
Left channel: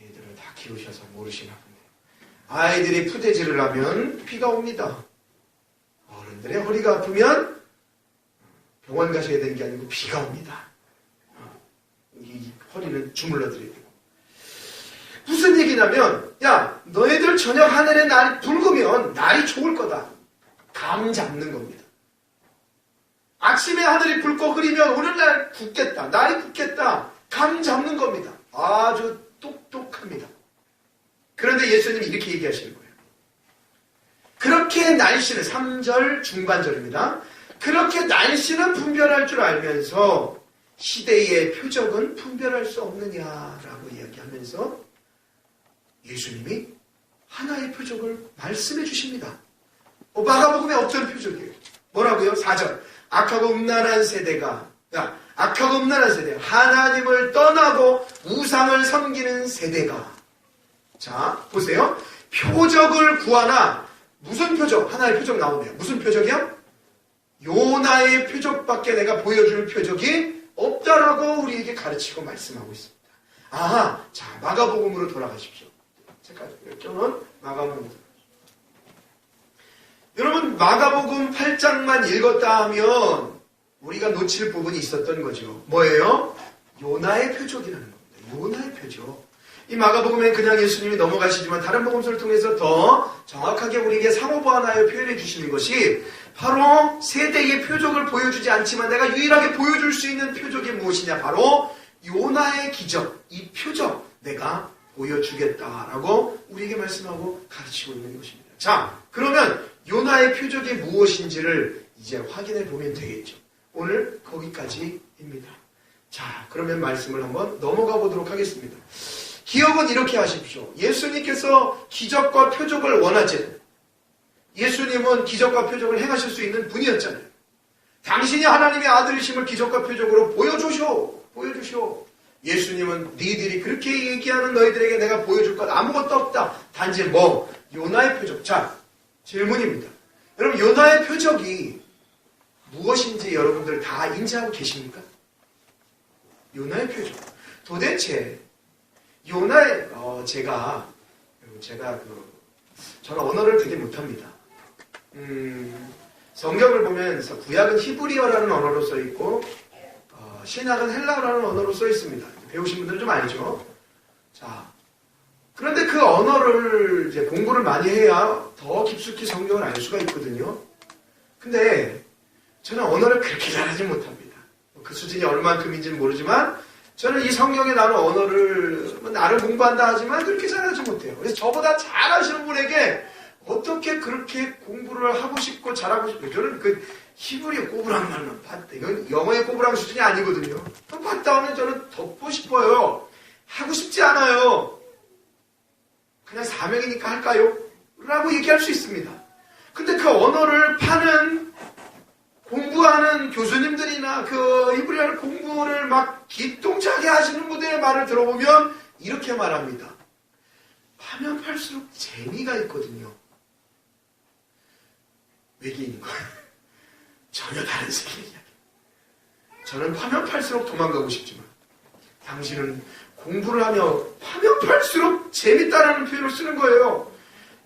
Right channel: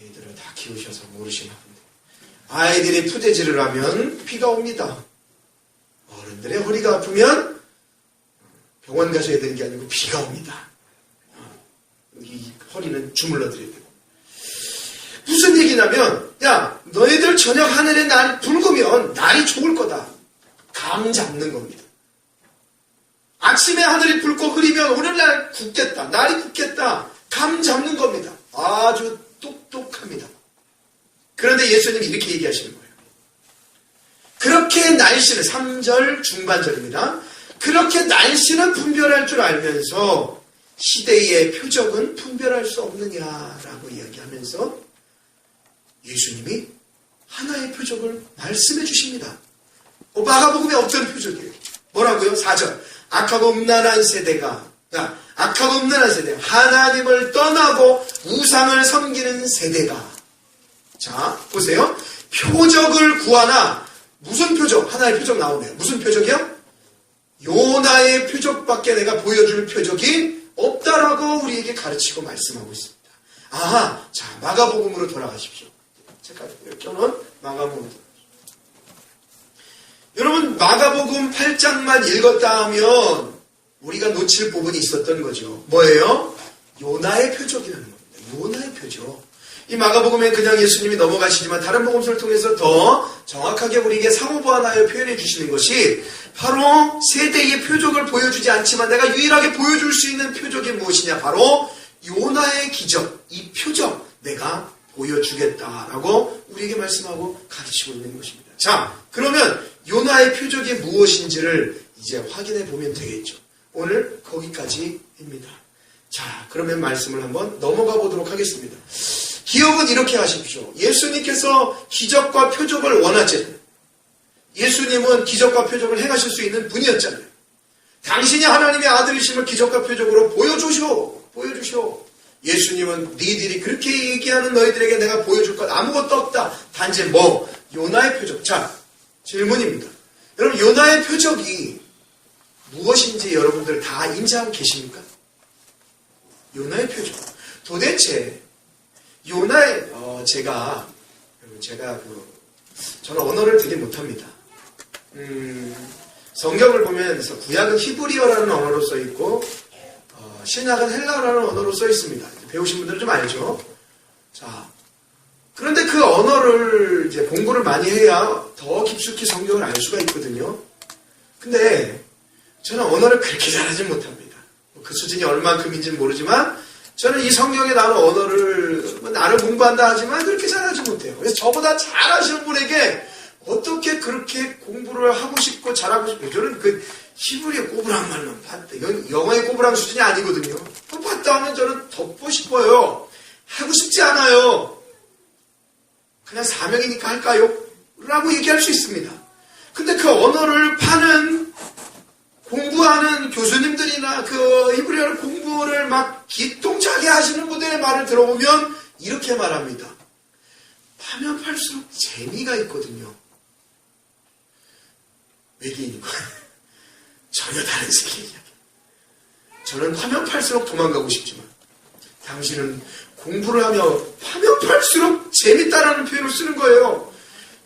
애들을 다 키우셔서 모르시나 본데 아이들이 푸대질을 하면 비가 옵니다. 어른들의 허리가 아프면 병원 가셔야 되는 게 아니고 비가 옵니다. 이 허리는 주물러 드려야 되고. 무슨 얘기냐면 야 너희들 저녁 하늘에 날이 붉으면 날이 좋을 거다. 감 잡는 겁니다. 아침에 하늘이 붉고 흐리면 오늘날 굳겠다. 날이 굳겠다. 감 잡는 겁니다. 아주 똑똑합니다. 그런데 예수님이 이렇게 얘기하시는 거예요. 그렇게 날씨는 3절 중반절입니다. 그렇게 날씨는 분별할 줄 알면서 시대의 표적은 분별할 수 없느냐라고 이야기하면서 예수님이 하나의 표적을 말씀해 주십니다. 마가복음에 없던 표적이에요. 뭐라고요? 4절. 악하고 음란한 세대가 하나님을 떠나고 우상을 섬기는 세대가. 자 보세요. 표적을 구하나 무슨 표적? 하나의 표적 나오네요. 무슨 표적이요? 요나의 표적밖에 내가 보여줄 표적이 없다라고 우리에게 가르치고 말씀하고 있습니다. 자 마가복음으로 돌아가십시오. 제가 껴놓은 마가복음. 여러분 마가복음 8장만 읽었다 하면 우리가 놓칠 부분이 있었던 거죠. 뭐예요? 요나의 표적이라는 겁니다. 요나의 표적. 이 마가복음엔 그냥 예수님이 넘어가시지만 다른 복음서를 통해서 더 정확하게 우리에게 상호보완하여 표현해 주시는 것이 바로 세대의 표적을 보여주지 않지만 내가 유일하게 보여줄 수 있는 표적이 무엇이냐? 바로 요나의 기적, 이 표적 내가 보여주겠다라고 우리에게 말씀하고 가르치고 있는 것입니다. 자, 그러면 요나의 표적이 무엇인지를 이제 확인해 보면 되겠죠. 오늘 거기까지입니다. 자, 그러면 말씀을 한번 넘어가 보도록 하겠습니다. 기억은 이렇게 하십시오. 예수님께서 기적과 표적을 원하잖아요. 예수님은 기적과 표적을 행하실 수 있는 분이었잖아요. 당신이 하나님의 아들이심을 기적과 표적으로 보여주시오. 예수님은 너희들이 그렇게 얘기하는 너희들에게 내가 보여줄 것 아무것도 없다. 단지 요나의 표적. 자, 질문입니다. 여러분, 요나의 표적이 무엇인지 여러분들 다 인지하고 계십니까? 요나의 표적. 도대체 요나의 저는 언어를 되게 못합니다. 성경을 보면 구약은 히브리어라는 언어로 써 있고 신약은 헬라어라는 언어로 써 있습니다. 배우신 분들은 좀 알죠. 자, 그런데 그 언어를 이제 공부를 많이 해야 더 깊숙이 성경을 알 수가 있거든요. 근데 저는 언어를 그렇게 잘하지 못합니다. 그 수준이 얼만큼인지는 모르지만 저는 이 성경에 나오는 언어를 나름 공부한다 하지만 그렇게 잘하지 못해요. 그래서 저보다 잘하시는 분에게 어떻게 그렇게 공부를 하고 싶고 잘하고 싶고, 저는 그 히브리어 꼬부랑 말만 봤대. 이건 영어의 꼬부랑 수준이 아니거든요. 봤다 하면 저는 덮고 싶어요. 하고 싶지 않아요. 그냥 사명이니까 할까요? 라고 얘기할 수 있습니다. 근데 그 언어를 공부하는 교수님들이나 그 히브리어를 공부를 막 기똥차게 하시는 분들의 말을 들어보면 이렇게 말합니다. 파면 팔수록 재미가 있거든요. 외계인이고 전혀 다른 세계 이야기. 저는 파면 팔수록 도망가고 싶지만 당신은 공부를 하며 파면 팔수록 재밌다라는 표현을 쓰는 거예요.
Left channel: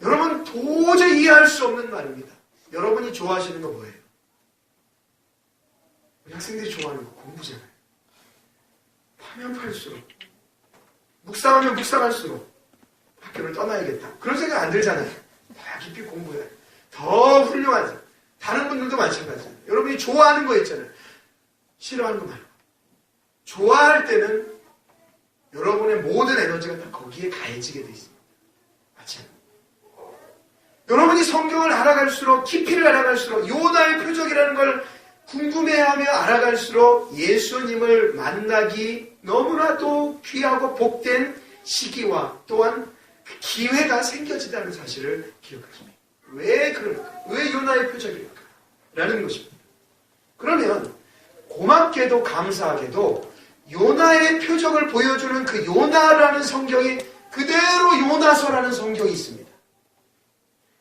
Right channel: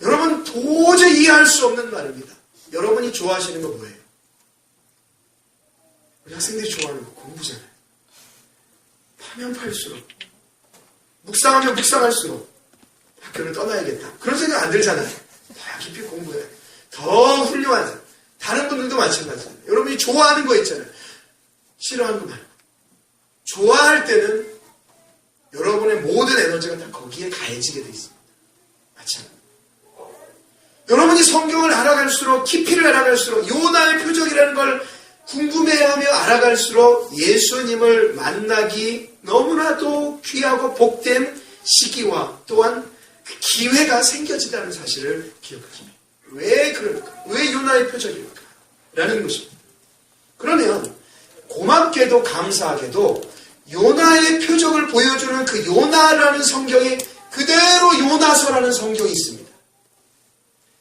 여러분 도저히 이해할 수 없는 말입니다. 여러분이 좋아하시는 거 뭐예요? 우리 학생들이 좋아하는 거 공부잖아요. 파면 팔수록 묵상하면 묵상할수록 학교를 떠나야겠다. 그런 생각 안 들잖아요. 더 깊이 공부해. 더 훌륭하죠. 다른 분들도 마찬가지예요. 여러분이 좋아하는 거 있잖아요. 싫어하는 거 말고. 좋아할 때는 여러분의 모든 에너지가 다 거기에 가해지게 돼 있습니다. 마찬가지. 여러분이 성경을 알아갈수록 깊이를 알아갈수록 요나의 표적이라는 걸 궁금해하며 알아갈수록 예수님을 만나기 너무나도 귀하고 복된 시기와 또한 그 기회가 생겨진다는 사실을 기억하십니다. 왜 그럴까? 왜 요나의 표적일까? 라는 것입니다. 그러면 고맙게도 감사하게도 요나의 표적을 보여주는 그 요나라는 성경이 그대로 요나서라는 성경이 있습니다.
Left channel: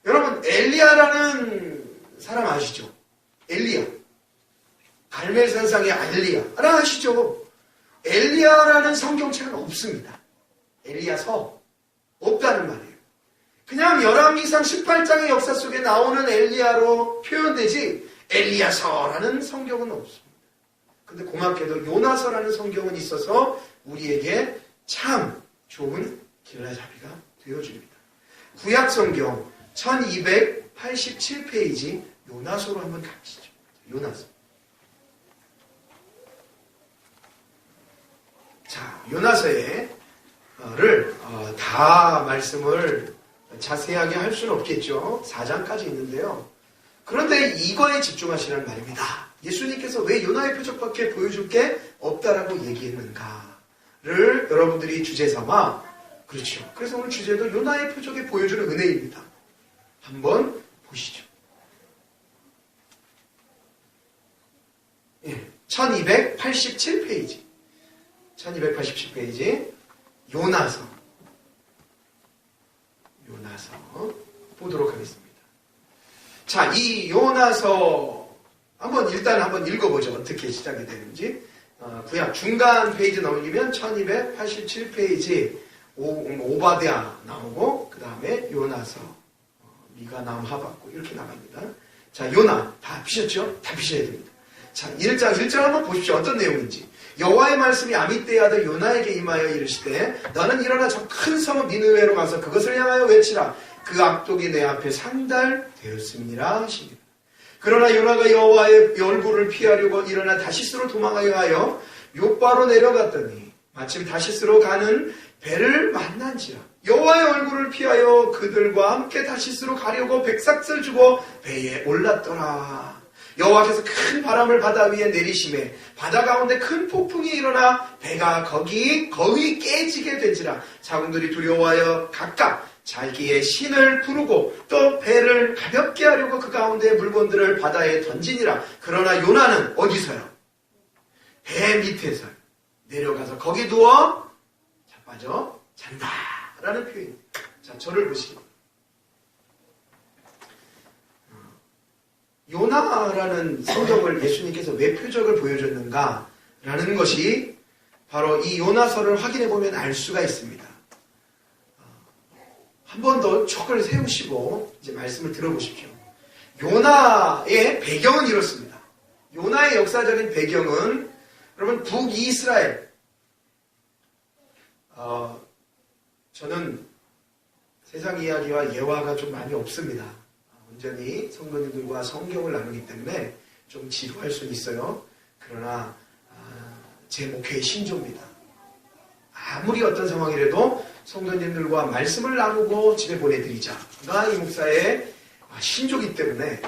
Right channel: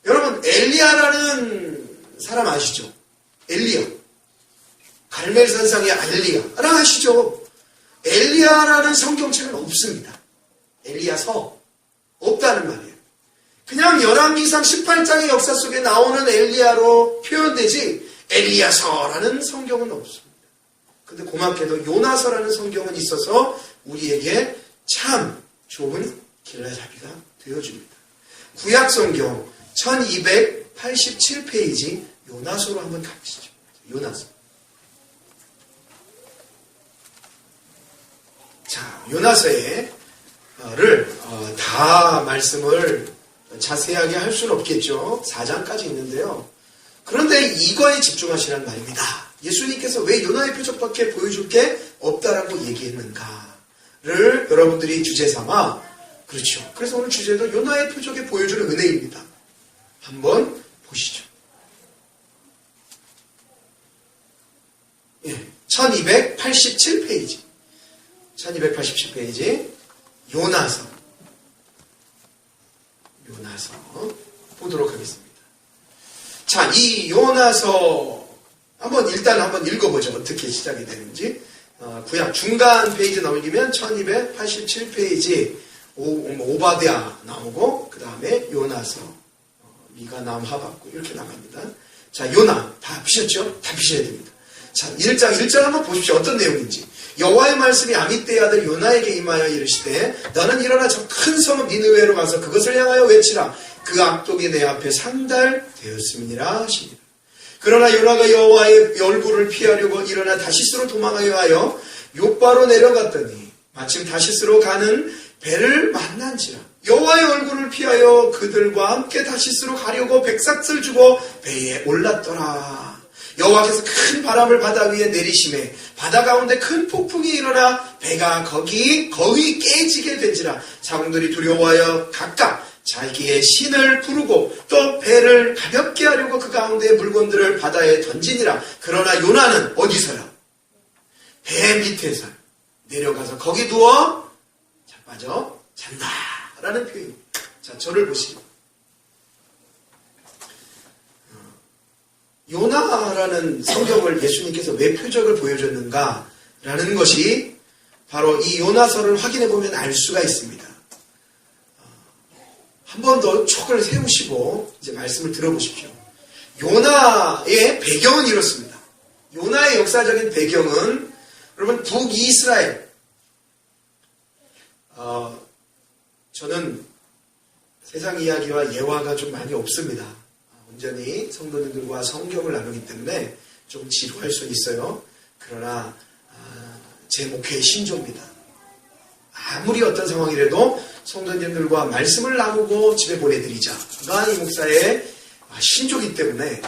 여러분 엘리야라는 사람 아시죠? 엘리야. 갈멜산상의 엘리야라 아시죠? 엘리야라는 성경책은 없습니다. 엘리야서 없다는 말이에요. 그냥 열왕기상 18장의 역사 속에 나오는 엘리야로 표현되지 엘리야서라는 성경은 없습니다. 근데 고맙게도 요나서라는 성경은 있어서 우리에게 참 좋은 길라잡이가 되어줍니다. 구약성경 1287페이지 요나서로 한번 가보시죠. 요나서. 자, 요나서를 다 말씀을 자세하게 할 수는 없겠죠. 4장까지 있는데요. 그런데 이거에 집중하시라는 말입니다. 예수님께서 왜 요나의 표적밖에 보여줄 게 없다라고 얘기했는가를 여러분들이 주제 삼아, 그렇죠. 그래서 오늘 주제도 요나의 표적에 보여주는 은혜입니다. 한번 보시죠. 1287페이지. 1287페이지. 요나서 보도록 하겠습니다. 자, 이 요나서 일단 한번 읽어보죠. 어떻게 시작이 되는지. 구약 중간 페이지 넘기면 1287페이지 오바댜 나오고 그 다음에 요나서, 미가, 남, 하박국 이렇게 나갑니다. 자, 요나 다 피셨죠? 다 피셔야 됩니다. 자, 1장 한번 보십시오. 어떤 내용인지. 여호와의 말씀이 아미떼의 아들 요나에게 임하여 이르시되 너는 일어나 저 큰 성읍 니느웨로 가서 그것을 향하여 외치라. 그 악독이 내 앞에 상달되었음이니라 하시니라. 그러나 요나가 여호와의 얼굴을 피하려고 일어나 다시스로 도망하여 하여 욥바로 내려갔더니 마침 다시스로 가는 배를 만난지라. 여호와의 얼굴을 피하여 그들과 함께 다시스로 가려고 백삭을 주고 배에 올랐더라. 여호와께서 큰 바람을 바다 위에 내리심에 바다 가운데 큰 폭풍이 일어나 배가 거의 깨지게 된지라. 사람들이 두려워하여 각각 자기의 신을 부르고 또 배를 가볍게 하려고 그 가운데의 물건들을 바다에 던지니라. 그러나 요나는 어디서요? 배 밑에서 내려가서 거기 누워 자빠져 잔다라는 표현입니다. 자, 저를 보시고 요나라는 성경을 예수님께서 왜 표적을 보여줬는가라는 것이 바로 이 요나서를 확인해 보면 알 수가 있습니다. 한 번 더 촉을 세우시고 이제 말씀을 들어보십시오. 요나의 배경은 이렇습니다. 요나의 역사적인 배경은 여러분 북이스라엘. 저는 세상 이야기와 예화가 좀 많이 없습니다. 온전히 성도님들과 성경을 나누기 때문에 좀 지루할 수 있어요. 그러나 제 목회의 신조입니다. 아무리 어떤 상황이라도 성도님들과 말씀을 나누고 집에 보내드리자가 이 목사의 신조이기 때문에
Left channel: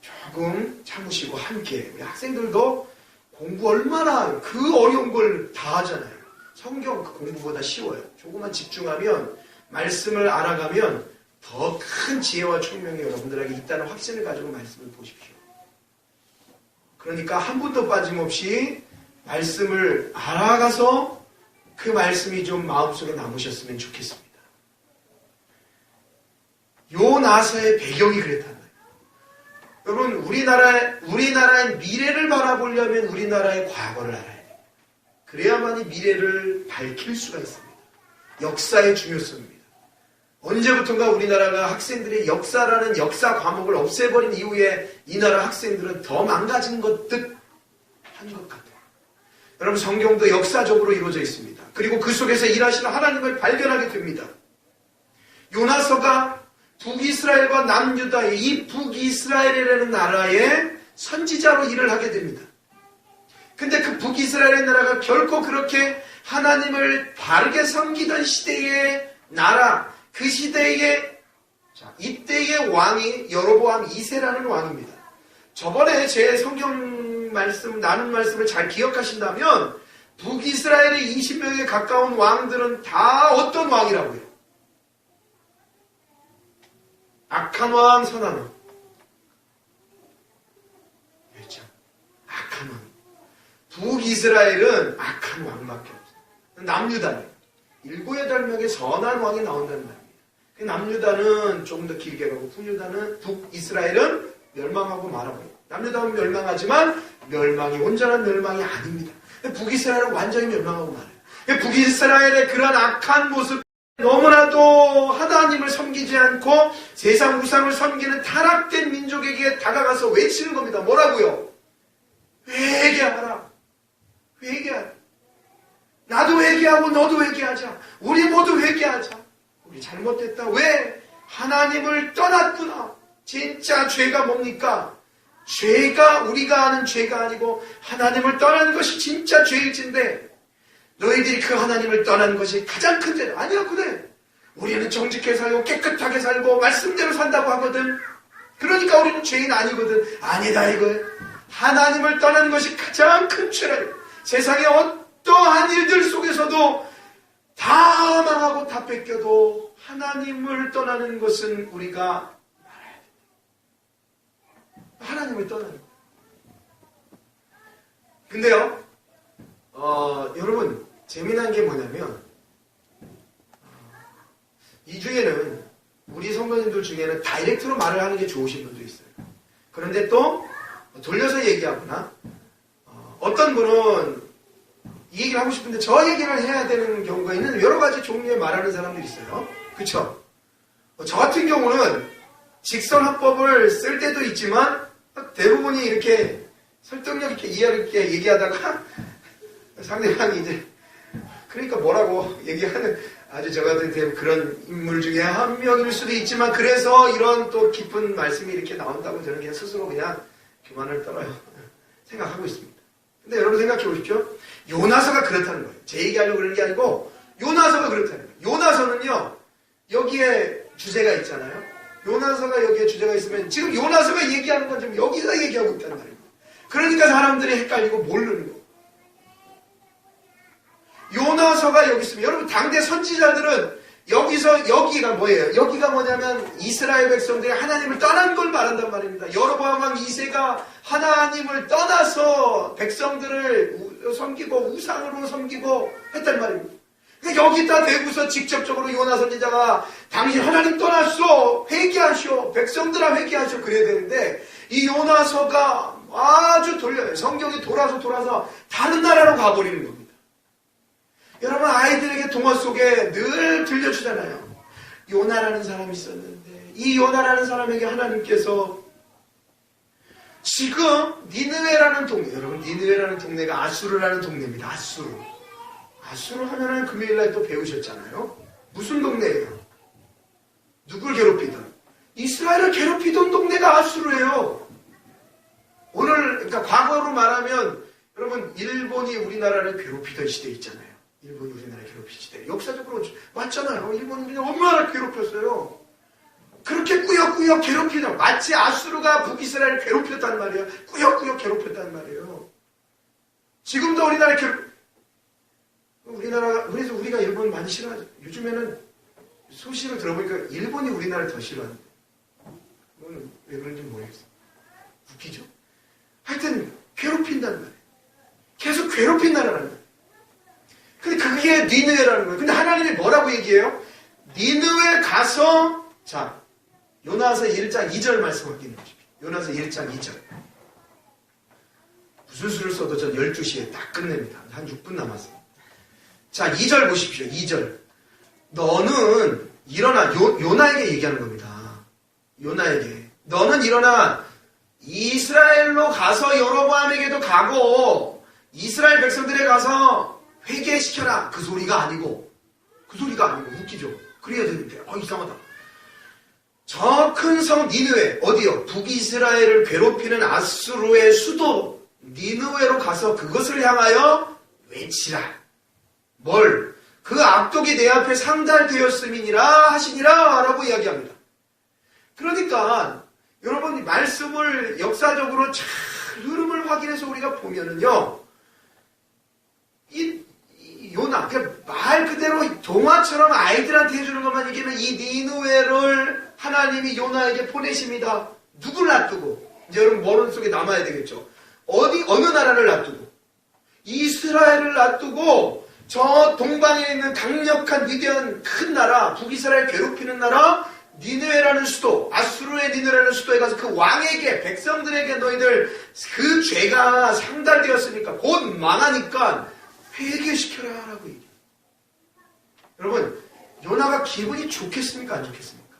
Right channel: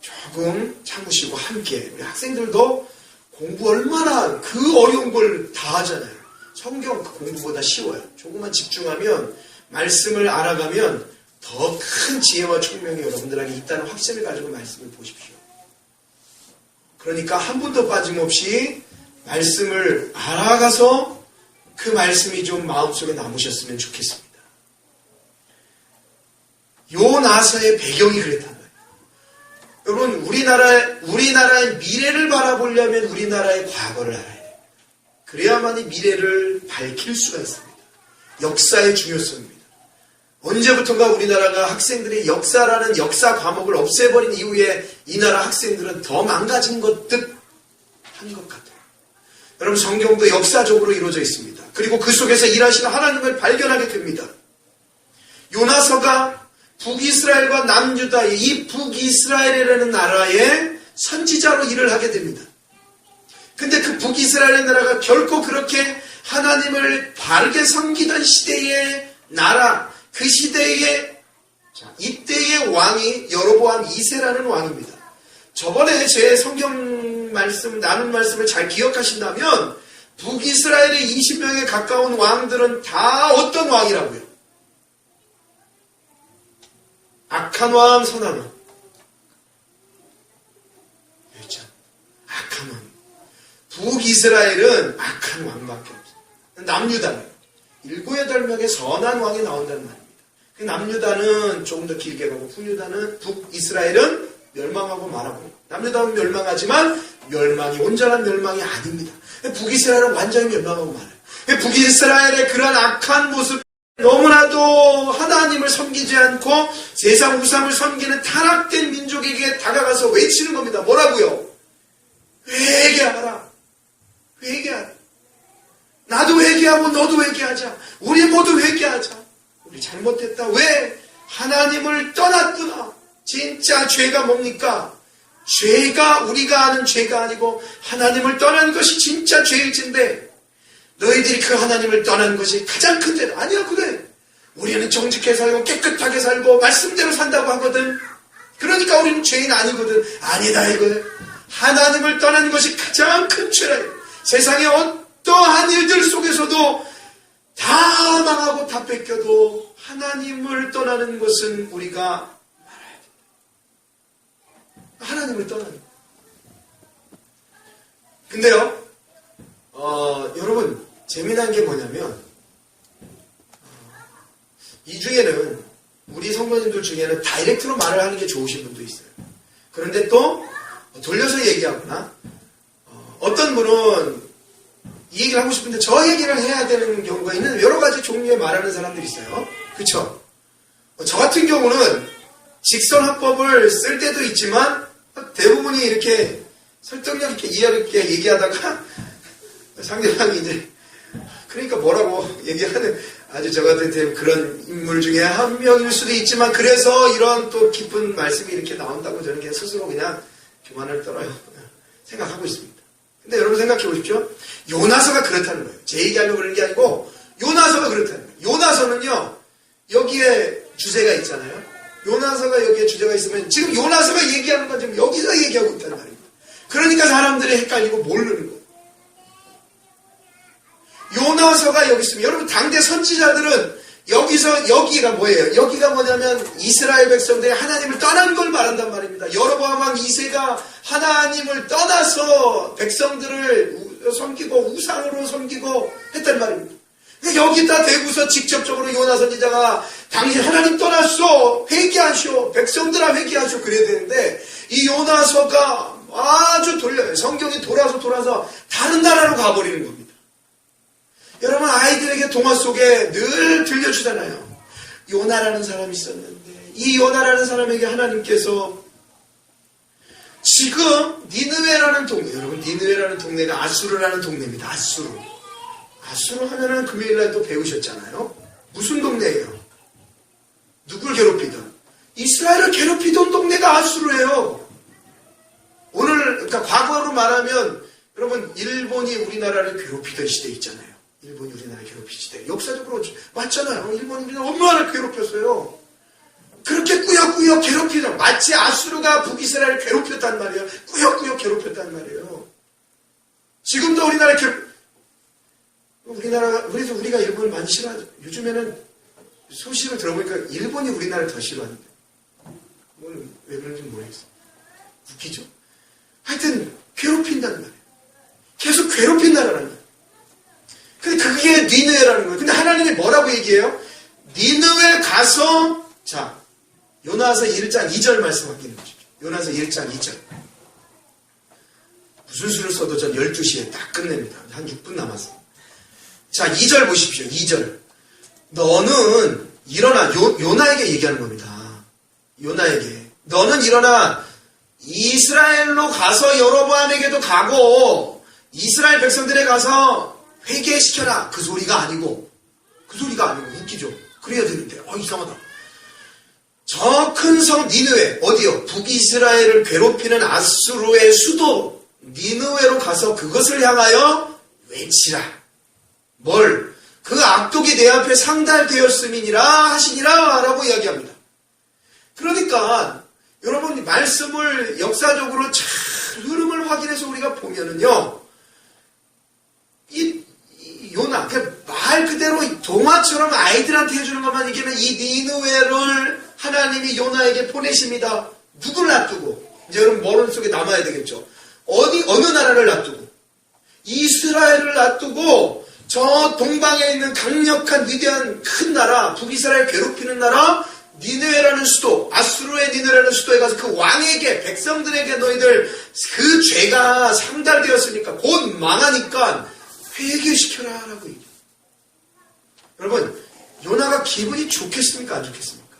조금 참으시고 함께 우리 학생들도 공부 얼마나 그 어려운 걸 다 하잖아요. 성경 그 공부보다 쉬워요. 조금만 집중하면 말씀을 알아가면 더 큰 지혜와 총명이 여러분들에게 있다는 확신을 가지고 말씀을 보십시오. 그러니까 한 분도 빠짐없이 말씀을 알아가서 그 말씀이 좀 마음속에 남으셨으면 좋겠습니다. 요나서의 배경이 그랬단 말이에요. 여러분 우리나라의 미래를 바라보려면 우리나라의 과거를 알아야 돼요. 그래야만이 미래를 밝힐 수가 있습니다. 역사의 중요성입니다. 언제부턴가 우리나라가 학생들이 역사라는 역사 과목을 없애버린 이후에 이 나라 학생들은 더 망가진 것 듯 한 것 같아요. 여러분 성경도 역사적으로 이루어져 있습니다. 그리고 그 속에서 일하시는 하나님을 발견하게 됩니다. 요나서가 북이스라엘과 남유다의 이 북이스라엘이라는 나라의 선지자로 일을 하게 됩니다. 근데 그 북이스라엘의 나라가 결코 그렇게 하나님을 바르게 섬기던 시대의 나라, 그 시대의 이때의 왕이 여로보암 2세라는 왕입니다. 저번에 제 성경 말씀 나눈 말씀을 잘 기억하신다면 북이스라엘의 20명에 가까운 왕들은 다 어떤 왕이라고요? 악한 왕, 선한 왕. 그렇죠? 악한 왕. 북이스라엘은 악한 왕밖에 없어요. 남유다는 7, 8명의 선한 왕이 나온다는 말입니다. 그 남유다는 조금 더 길게 가고 북이스라엘은 멸망하고 말아버려요. 남유다는 멸망하지만 멸망이 온전한 멸망이 아닙니다. 북이스라엘은 완전히 멸망하고 말아요. 북이스라엘의 그러한 악한 모습, 너무나도 하나님을 섬기지 않고 세상 우상을 섬기는 타락된 민족에게 다가가서 외치는 겁니다. 뭐라고요? 회개하라. 회개하라. 나도 회개하고 너도 회개하자. 우리 모두 회개하자. 우리 잘못했다. 왜? 하나님을 떠났구나. 진짜 죄가 뭡니까? 죄가 우리가 아는 죄가 아니고 하나님을 떠난 것이 진짜 죄일진데 너희들이 그 하나님을 떠난 것이 가장 큰 죄다. 아니야, 그래. 우리는 정직하게 살고 깨끗하게 살고 말씀대로 산다고 하거든. 그러니까 우리는 죄인 아니거든. 아니다 이거예요. 하나님을 떠난 것이 가장 큰 죄라. 세상의 어떠한 일들 속에서도 다 망하고 다 뺏겨도 하나님을 떠나는 것은 우리가 말아야 돼. 하나님을 떠나는 거. 근데요, 여러분 재미난 게 뭐냐면 이 중에는 우리 성도님들 중에는 다이렉트로 말을 하는 게 좋으신 분도 있어요. 그런데 또 돌려서 얘기하거나 어떤 분은 이 얘기를 하고 싶은데 저 얘기를 해야 되는 경우가 있는 여러 가지 종류의 말하는 사람들이 있어요. 그쵸? 저 같은 경우는 직선화법을 쓸 때도 있지만 대부분이 이렇게 설득력 있게 이해 있게 얘기하다가 상대방이 이제 그러니까 뭐라고 얘기하는 아주 저 같은 그런 인물 중에 한 명일 수도 있지만 그래서 이런 또 깊은 말씀이 이렇게 나온다고 저는 그냥 스스로 그냥 교만을 떨어요. 생각하고 있습니다. 근데 여러분 생각해 보십시오. 요나서가 그렇다는 거예요. 제 얘기하려고 그러는 게 아니고 요나서가 그렇다는 거예요. 요나서는요. 여기에 주제가 있잖아요. 요나서가 여기에 주제가 있으면 지금 요나서가 얘기하는 건 지금 여기서 얘기하고 있단 말이에요. 그러니까 사람들이 헷갈리고 모르는 거예요. 요나서가 여기 있으면 여러분 당대 선지자들은 여기서 여기가 뭐예요? 여기가 뭐냐면 이스라엘 백성들이 하나님을 떠난 걸 말한단 말입니다. 여로보암 왕 2세가 하나님을 떠나서 백성들을 섬기고 우상으로 섬기고 했단 말입니다. 여기다 대고서 직접적으로 요나 선지자가 당신 하나님 떠났어 회개하시오 백성들아 회개하시오 그래야 되는데 이 요나서가 아주 돌려요. 성경이 돌아서 다른 나라로 가버리는 겁니다. 여러분 아이들에게 동화 속에 늘 들려주잖아요. 요나라는 사람이 있었는데 이 요나라는 사람에게 하나님께서 지금 니느웨라는 동네 여러분 니느웨라는 동네가 아수르라는 동네입니다. 아수르 하면은 금요일날 또 배우셨잖아요. 무슨 동네예요? 누굴 괴롭히던 이스라엘을 괴롭히던 동네가 아수르예요. 오늘 그러니까 과거로 말하면 여러분 일본이 우리나라를 괴롭히던 시대 있잖아요. 일본이 우리나라 괴롭힌 시대. 역사적으로 맞잖아요. 일본이 우리나라 얼마나 괴롭혔어요. 그렇게 꾸역꾸역 괴롭히던 마치 아수르가 북이스라엘을 괴롭혔단 말이에요. 꾸역꾸역 괴롭혔단 말이에요. 지금도 그래서 우리가 일본을 많이 싫어하죠. 요즘에는 소식을 들어보니까 일본이 우리나라를 더 싫어하는데. 그건 왜 그런지 모르겠어요. 웃기죠? 하여튼 괴롭힌단 말이에요. 계속 괴롭힌 나라라는 거예요. 근데 그게 니느웨라는 거예요. 근데 하나님이 뭐라고 얘기해요? 니느웨 가서 자 요나서 1장 2절 말씀 확인해 보십시오. 요나서 1장 2절 무슨 수를 써도 전 12시에 딱 끝냅니다. 한 6분 남았어요. 자 2절 보십시오. 2절 너는 일어나 요나에게 얘기하는 겁니다. 요나에게 너는 일어나 이스라엘로 가서 여로보암에게도 가고 이스라엘 백성들에 가서 회개시켜라. 그 소리가 아니고 웃기죠. 그래야 되는데 이상하다. 저 큰 성 니느웨 어디요? 북이스라엘을 괴롭히는 아수르의 수도 니느웨로 가서 그것을 향하여 외치라. 뭘? 그 악독이 내 앞에 상달되었음이니라 하시니라 라고 이야기합니다. 그러니까 여러분 말씀을 역사적으로 잘 흐름을 확인해서 우리가 보면은요 이 요나 말 그대로 동화처럼 아이들한테 해주는 것만 얘기하면 이 니느웨를 하나님이 요나에게 보내십니다. 누굴 놔두고 이제 여러분 머릿속에 남아야 되겠죠. 어느 나라를 놔두고 이스라엘을 놔두고 저 동방에 있는 강력한 위대한 큰 나라 북이스라엘 괴롭히는 나라 니느웨라는 수도 아수르의 니느웨라는 수도에 가서 그 왕에게 백성들에게 너희들 그 죄가 상달되었으니까 곧 망하니까 회개시켜라 라고 얘기해요. 여러분 요나가 기분이 좋겠습니까 안 좋겠습니까?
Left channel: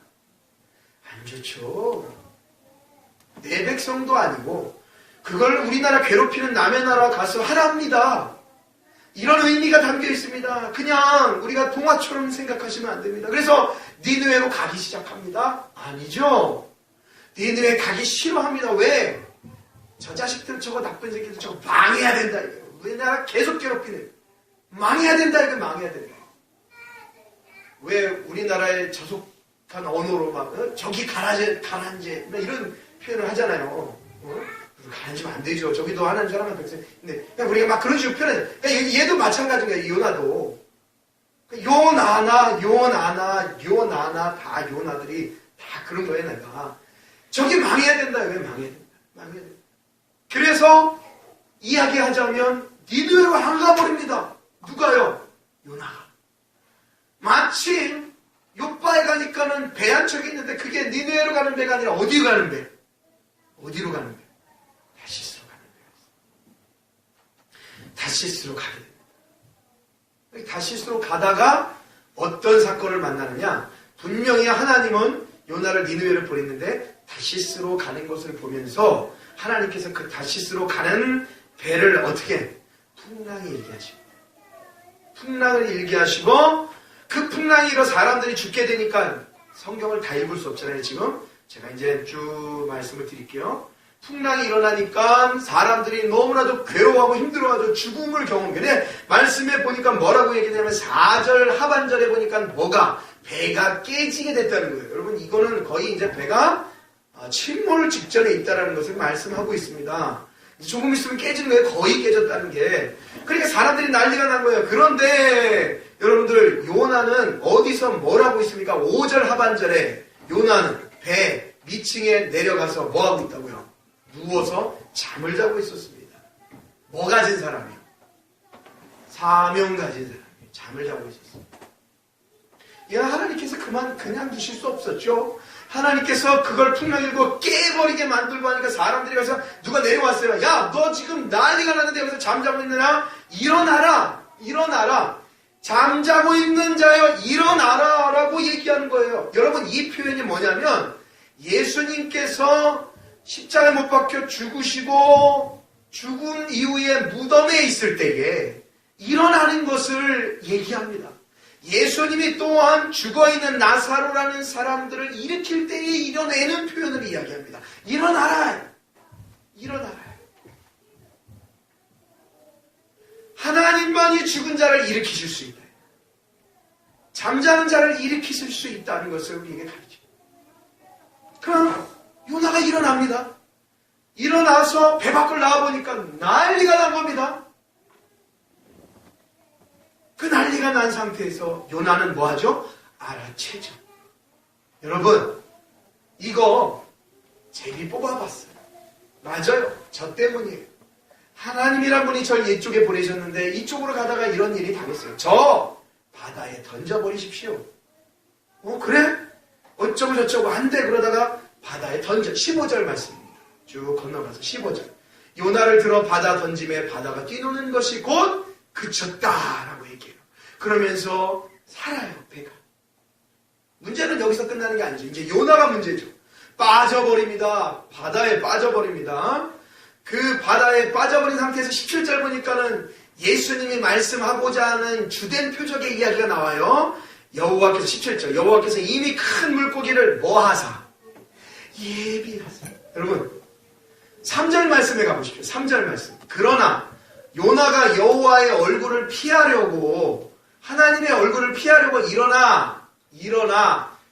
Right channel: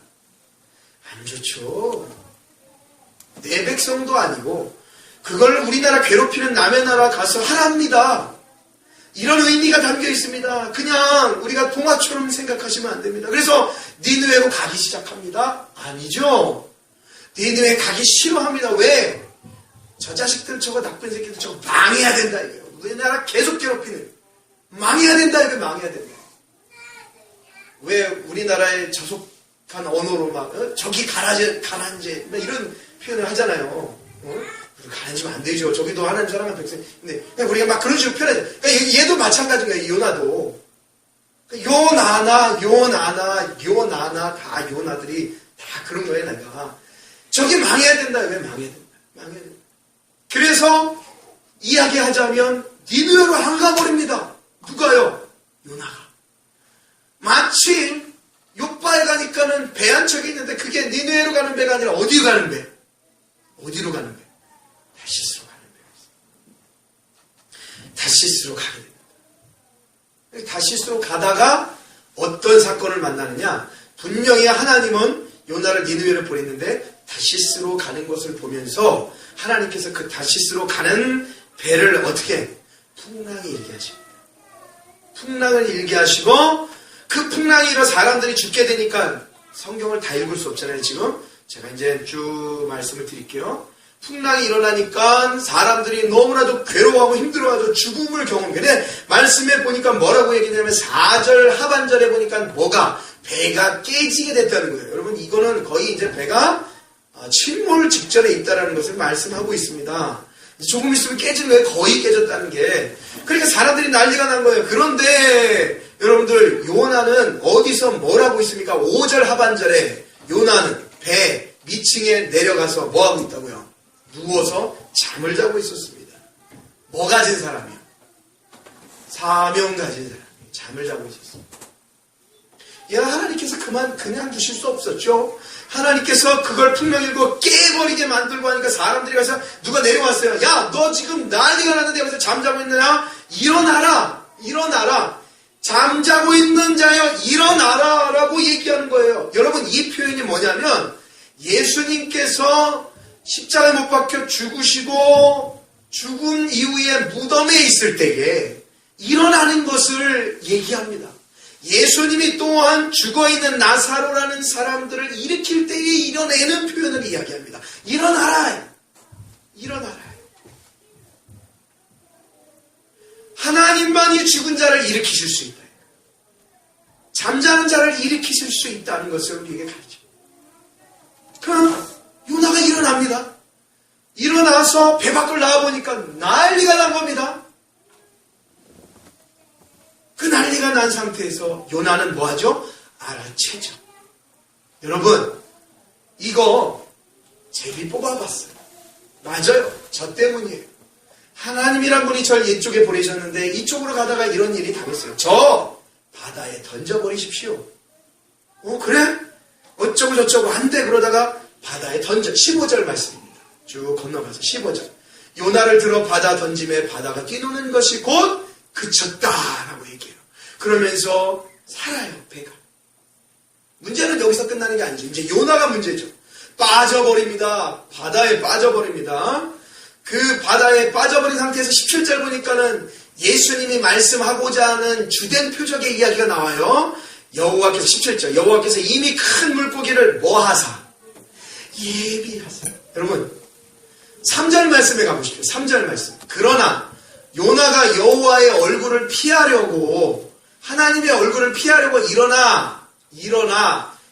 안 좋죠. 내 백성도 아니고 그걸 우리나라 괴롭히는 남의 나라 가서 하랍니다. 이런 의미가 담겨 있습니다. 그냥 우리가 동화처럼 생각하시면 안 됩니다. 그래서 니느웨로 가기 시작합니다. 아니죠. 니느웨 가기 싫어합니다. 왜? 저 자식들 저거 나쁜 새끼들 저거 망해야 된다 이거예요. 우리나라 계속 괴롭히는 망해야 된다 이거 망해야 된다. 왜 우리나라에 저속한 언어로 막 저기 가라앉제 이런 표현을 하잖아요. 가라앉으면 안 되죠. 저기도 하나님 사랑하는 백성. 근데 그냥 우리가 막 그런 식으로 표현하죠. 그러니까 얘도 마찬가지인 거예요. 요나도. 요나나 다 요나들이 다 그런 거예요. 내가 저기 망해야 된다. 왜 망해야 된다. 망해야 된다. 그래서 이야기하자면 니느웨로 안 가버립니다. 누가요? 요나가. 마침 요바에 가니까는 배 한 척이 있는데 그게 니느웨로 가는 배가 아니라 어디로 가는 배? 어디로 가는 배? 다시스로 가는 배였어요. 다시스로 가게 됩니다. 다시스로 가다가 어떤 사건을 만나느냐? 분명히 하나님은 요나를 니느웨로 보냈는데 다시스로 가는 것을 보면서 하나님께서 그 다시스로 가는 배를 어떻게 풍랑이 일게 하십니다. 풍랑을 일게 하시고 그 풍랑이 일어 사람들이 죽게 되니까 성경을 다 읽을 수 없잖아요. 지금 제가 이제 쭉 말씀을 드릴게요. 풍랑이 일어나니까 사람들이 너무나도 괴로워하고 힘들어하고 죽음을 경험해. 말씀에 보니까 뭐라고 얘기냐면 4절 하반절에 보니까 뭐가 배가 깨지게 됐다는 거예요. 여러분 이거는 거의 이제 배가 침몰 직전에 있다는 것을 말씀하고 있습니다. 조금 있으면 깨지는 거예요. 거의 깨졌다는 게. 그러니까 사람들이 난리가 난 거예요. 그런데 여러분들 요나는 어디서 뭘 하고 있습니까? 5절 하반절에 요나는 배 밑층에 내려가서 뭐 하고 있다고요? 누워서 잠을 자고 있었습니다. 뭐 가진 사람이요? 사명 가진 사람이 잠을 자고 있었습니다. 하나님께서 그냥 두실 수 없었죠. 하나님께서 그걸 풍랑 일고 깨버리게 만들고 하니까 사람들이 가서 누가 내려왔어요. 야, 너 지금 난리가 났는데 여기서 잠자고 있느냐? 일어나라! 일어나라! 잠자고 있는 자여 일어나라! 라고 얘기하는 거예요. 여러분 이 표현이 뭐냐면 예수님께서 십자가에 못 박혀 죽으시고 죽은 이후에 무덤에 있을 때에 일어나는 것을 얘기합니다. 예수님이 또한 죽어있는 나사로라는 사람들을 일으킬 때에 일어내는 표현을 이야기합니다. 일어나라! 일어나라! 하나님만이 죽은 자를 일으키실 수 있다. 잠자는 자를 일으키실 수 있다는 것을 우리에게 가르칩니다. 그럼 요나가 일어납니다. 일어나서 배 밖을 나와보니까 난리가 난 겁니다. 그 난리가 난 상태에서 요나는 뭐하죠? 알아채죠. 여러분 이거 제비 뽑아봤어요. 맞아요. 저 때문이에요. 하나님이란 분이 절 이쪽에 보내셨는데 이쪽으로 가다가 이런 일이 당했어요. 저 바다에 던져버리십시오. 그래? 어쩌고 저쩌고 한데 그러다가 바다에 던져. 15절 말씀입니다. 쭉 건너가서 15절. 요나를 들어 바다 던짐에 바다가 뛰노는 것이 곧 그쳤다라고 얘기해요. 그러면서 살아요, 배가. 문제는 여기서 끝나는 게 아니죠. 이제 요나가 문제죠. 빠져버립니다. 바다에 빠져버립니다. 그 바다에 빠져버린 상태에서 17절 보니까는 예수님이 말씀하고자 하는 주된 표적의 이야기가 나와요. 여호와께서 17절 여호와께서 이미 큰 물고기를 뭐 하사? 예비하사. 여러분 3절 말씀에 가보십시오. 3절 말씀. 그러나 요나가 여호와의 얼굴을 피하려고 하나님의 얼굴을 피하려고 일어나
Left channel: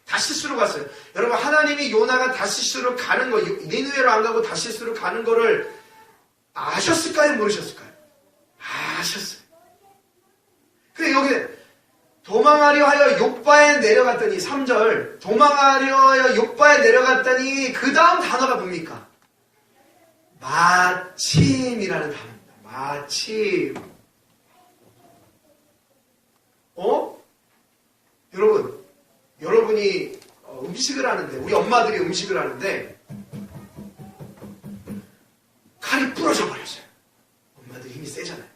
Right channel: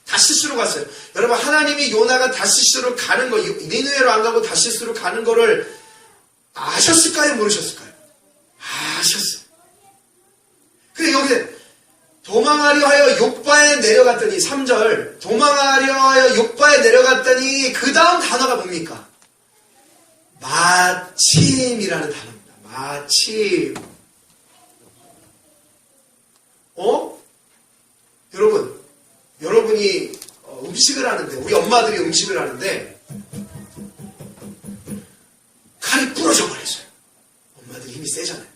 다시스로 갔어요. 여러분 하나님이 요나가 다시스로 가는 거 니느웨로 안 가고 다시스로 가는 거를 아셨을까요? 모르셨을까요? 아셨어요. 그래 여기 도망하려 하여 욥바에 내려갔더니 3절 도망하려 하여 욥바에 내려갔더니 그 다음 단어가 뭡니까? 마침이라는 단어입니다. 마침. 여러분이 음식을 하는데 우리 엄마들이 음식을 하는데 칼이 부러져 버렸어요. 엄마들이 힘이 세잖아요.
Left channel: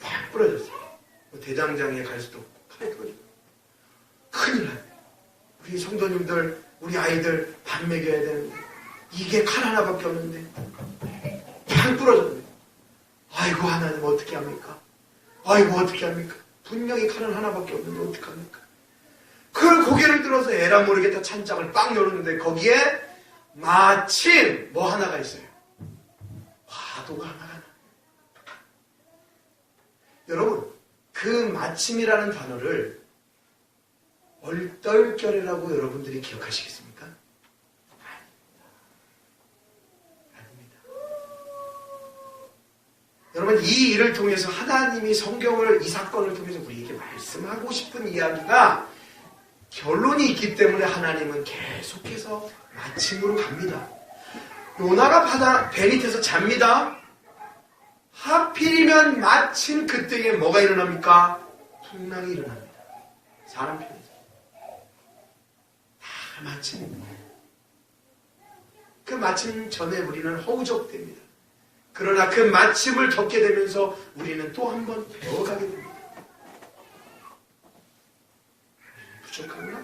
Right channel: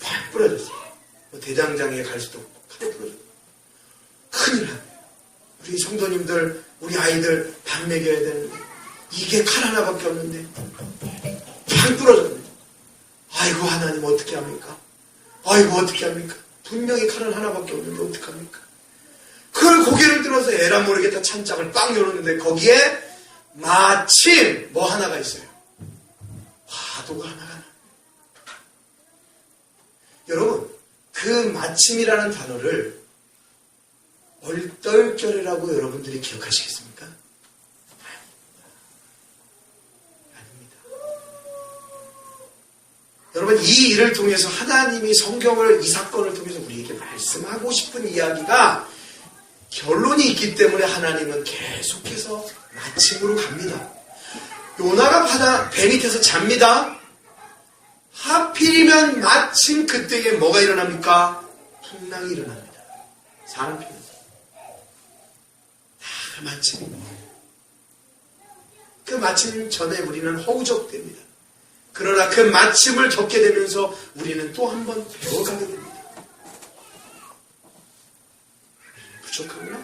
팍 부러졌어요. 대장장에 갈 수도 없고 칼이 부러져. 큰일 나요. 우리 성도님들 우리 아이들 밥 먹여야 되는데 이게 칼 하나밖에 없는데 팍 부러졌네. 아이고 하나님 어떻게 합니까? 아이고 어떻게 합니까? 분명히 칼은 하나밖에 없는데 어떡합니까? 그걸 고개를 들어서 에라 모르겠다 찬장을 빵 열었는데 거기에 마침 뭐 하나가 있어요. 화도가 하나가 나. 여러분 그 마침이라는 단어를 얼떨결이라고 여러분들이 기억하시겠습니까? 아닙니다. 여러분 이 일을 통해서 하나님이 성경을 이 사건을 통해서 우리에게 말씀하고 싶은 이야기가 결론이 있기 때문에 하나님은 계속해서 마침으로 갑니다. 요나가 배 밑에서 잡니다. 하필이면 마침 그때에 뭐가 일어납니까? 풍랑이 일어납니다. 사람 편에서 다 마침. 그 마침 전에 우리는 허우적됩니다. 그러나 그 마침을 겪게 되면서 우리는 또 한 번 배워가게 됩니다. 부족한가?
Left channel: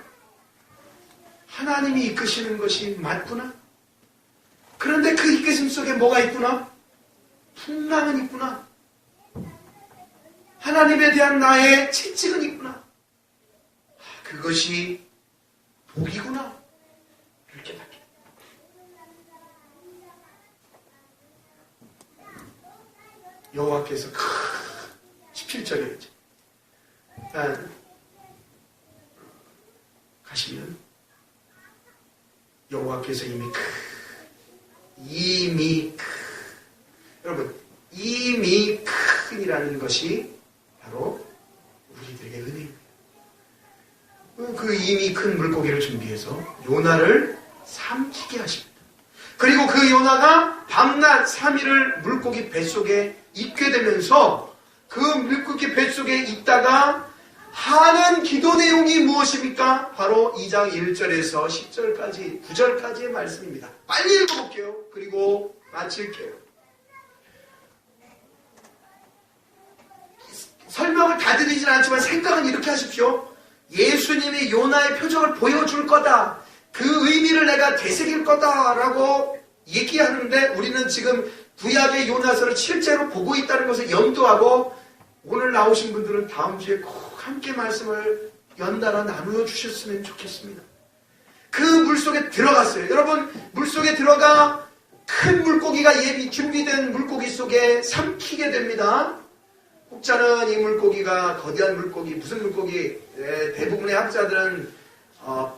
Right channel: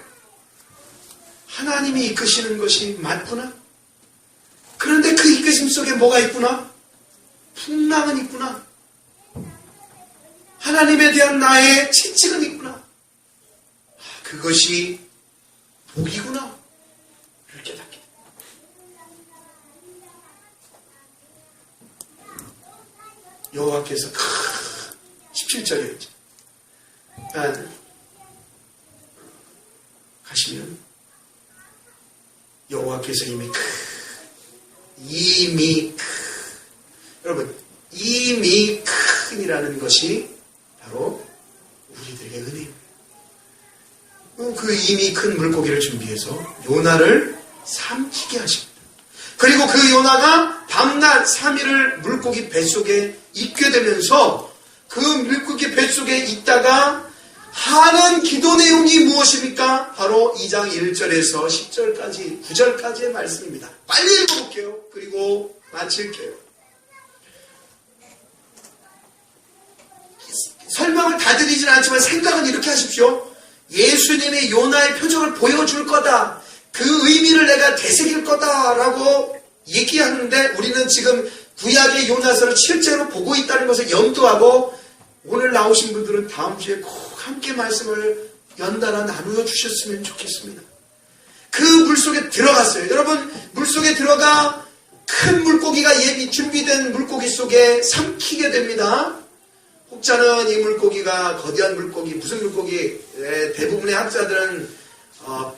하나님이 이끄시는 것이 맞구나. 그런데 그 이끄심 속에 뭐가 있구나? 풍랑은 있구나. 하나님에 대한 나의 채찍은 있구나. 그것이 복이구나. 를 깨닫게. 여호와께서 17절이었죠. 가시면 여호와께서 여러분 이미 큰이라는 것이 바로 우리들에게 은혜입니다. 그 이미 큰 물고기를 준비해서 요나를 삼키게 하십니다. 그리고 그 요나가 밤낮 3일을 물고기 뱃속에 있게 되면서 그 물고기 뱃속에 있다가 하는 기도 내용이 무엇입니까? 바로 2장 1절에서 10절까지 9절까지의 말씀입니다. 빨리 읽어볼게요. 그리고 마칠게요. 설명을 다 드리진 않지만 생각은 이렇게 하십시오. 예수님이 요나의 표적을 보여줄 거다. 그 의미를 내가 되새길 거다라고 얘기하는데 우리는 지금 구약의 요나서를 실제로 보고 있다는 것을 염두하고 오늘 나오신 분들은 다음 주에 꼭 함께 말씀을 연달아 나누어 주셨으면 좋겠습니다. 그 물속에 들어갔어요. 여러분 물속에 들어가 큰 물고기가 예비 준비된 물고기 속에 삼키게 됩니다. 혹자는 이 물고기가 거대한 물고기, 무슨 물고기, 대부분의 학자들은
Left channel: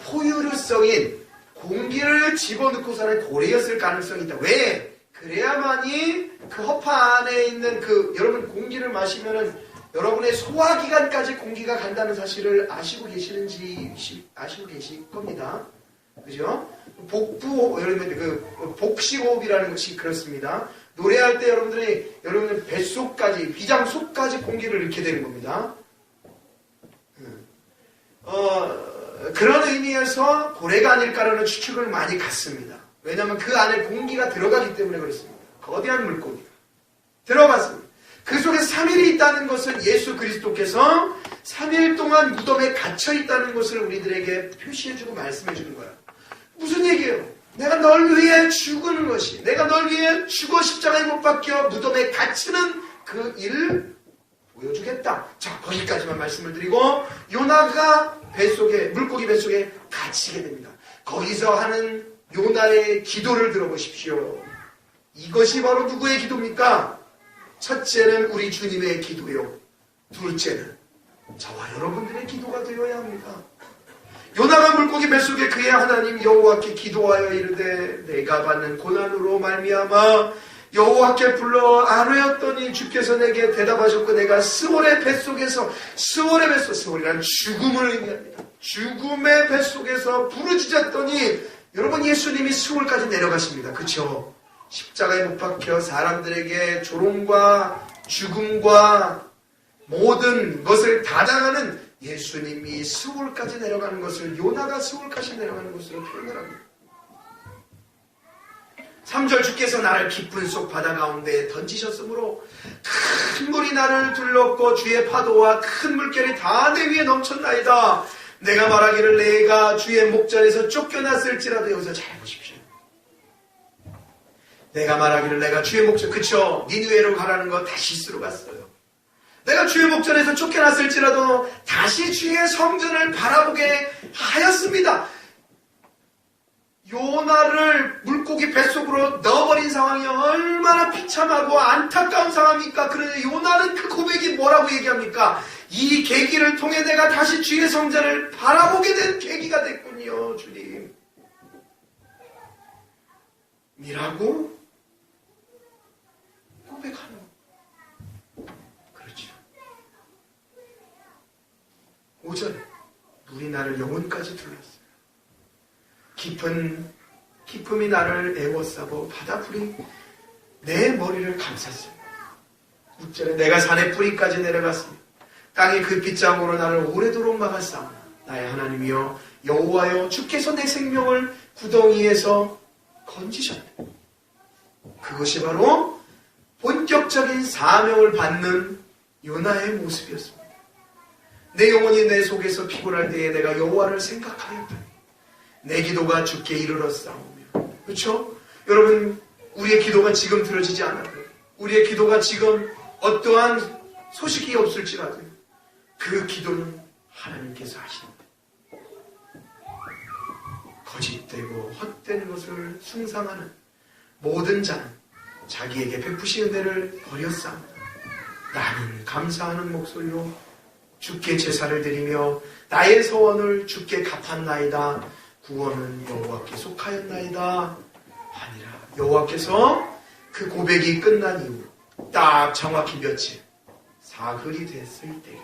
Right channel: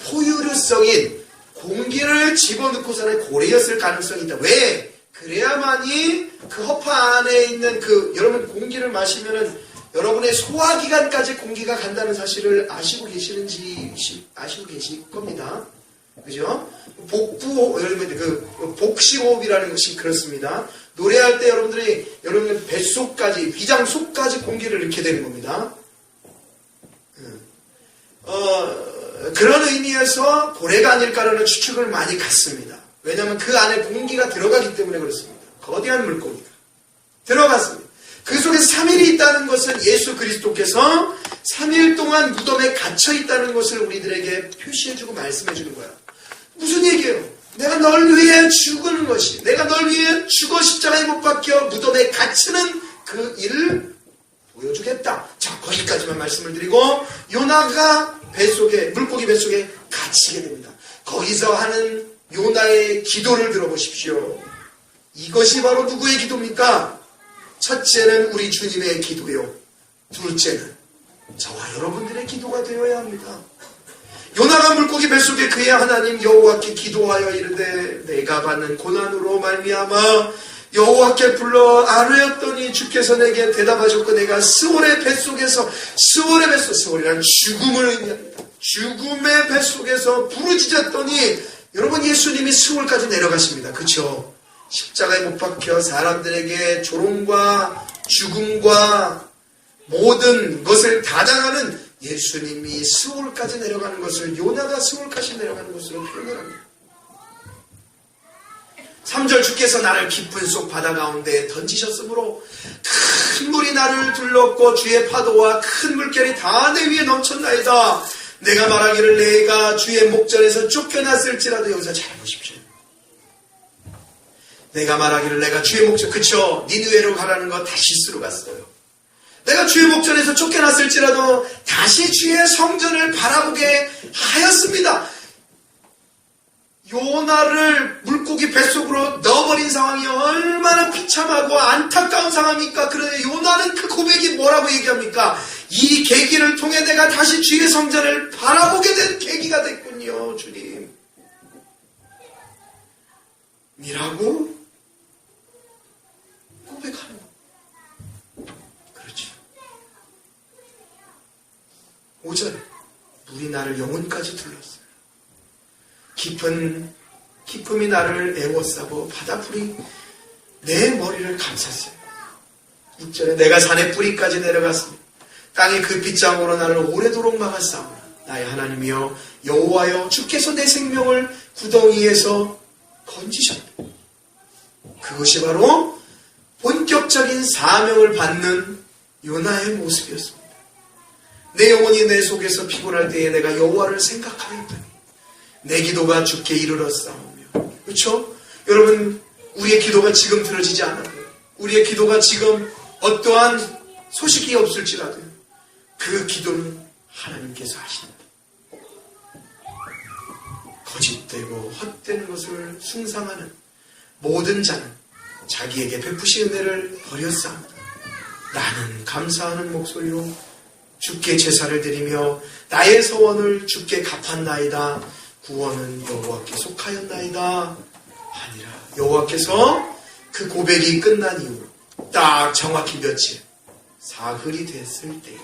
포유류성인 공기를 집어넣고서는 고래였을 가능성이 있다. 왜? 그래야만이 그 허파 안에 있는 여러분 공기를 마시면은 여러분의 소화기관까지 공기가 간다는 사실을 아시고 계실 겁니다. 그죠? 복식호흡이라는 것이 그렇습니다. 노래할 때 여러분 뱃속까지, 위장 속까지 공기를 넣게 되는 겁니다. 그런 의미에서 고래가 아닐까라는 추측을 많이 갖습니다. 왜냐하면 그 안에 공기가 들어가기 때문에 그렇습니다. 거대한 물고기가 들어갔습니다. 그 속에서 3일이 있다는 것은 예수 그리스도께서 3일 동안 무덤에 갇혀 있다는 것을 우리들에게 표시해주고 말씀해주는 거야. 무슨 얘기예요? 내가 널 위해 죽은 것이, 내가 널 위해 죽어 십자가에 못 박혀 무덤에 갇히는 그 일을 보여주겠다. 자, 거기까지만 말씀을 드리고 요나가 물고기 뱃속에 갇히게 됩니다. 거기서 하는 요나의 기도를 들어보십시오. 이것이 바로 누구의 기도입니까? 첫째는 우리 주님의 기도요. 둘째는 저와 여러분들의 기도가 되어야 합니다. 요나가 물고기 뱃속에 그의 하나님 여호와께 기도하여 이르되 내가 받는 고난으로 말미암아 여호와께 불러 아뢰었더니 주께서 내게 대답하셨고 내가 스올의 뱃속에서 스올이란 죽음을 의미합니다. 죽음의 뱃속에서 부르짖었더니 여러분 예수님이 스올까지 내려가십니다. 그렇죠? 십자가에 못 박혀 사람들에게 조롱과 죽음과 모든 것을 다 당하는 예수님이 스올까지 내려가는 것을 요나가 스올까지 내려가는 것으로 표현을 합니다. 3절 주께서 나를 깊은 속 바다 가운데에 던지셨으므로 큰 물이 나를 둘렀고 주의 파도와 큰 물결이 다 내 위에 넘쳤나이다. 내가 말하기를 내가 주의 목전에서 쫓겨났을지라도 여기서 잘 보십시오. 내가 말하기를 내가 주의 목전, 그쵸? 니느웨로 가라는 거 다시스로 갔어요. 내가 주의 목전에서 쫓겨났을지라도 다시 주의 성전을 바라보게 하였습니다. 요나를 물고기 뱃속으로 넣어버린 상황이 얼마나 비참하고 안타까운 상황입니까? 그런데 요나는 그 고백이 뭐라고 얘기합니까? 이 계기를 통해 내가 다시 주의 성전을 바라보게 된 계기가 됐군요, 주님. 이라고 고백하는 거. 그렇죠. 5절 물이 나를 영혼까지 둘렀어요. 기쁨이 나를 애워싸고 바다불이 내 머리를 감쌌어요. 6절에 내가 산의 뿌리까지 내려갔습니다. 땅이 그 빗장으로 나를 오래도록 막았사오나 나의 하나님이여 여호와여 주께서 내 생명을 구덩이에서 건지셨다. 그것이 바로 본격적인 사명을 받는 요나의 모습이었습니다. 내 영혼이 내 속에서 피곤할 때에 내가 여호와를 생각하였더니 내 기도가 주께 이르렀사오며. 그렇죠? 여러분, 우리의 기도가 지금 들어지지 않아도, 우리의 기도가 지금 어떠한 소식이 없을지라도 그 기도는 하나님께서 하신다. 거짓되고 헛된 것을 숭상하는 모든 자는 자기에게 베푸신 은혜를 버렸사옵니다. 나는 감사하는 목소리로 주께 제사를 드리며 나의 소원을 주께 갚았나이다. 구원은 여호와께 속하였나이다 하니라. 여호와께서 그 고백이 끝난 이후 딱 정확히 며칠, 사흘이 됐을 때에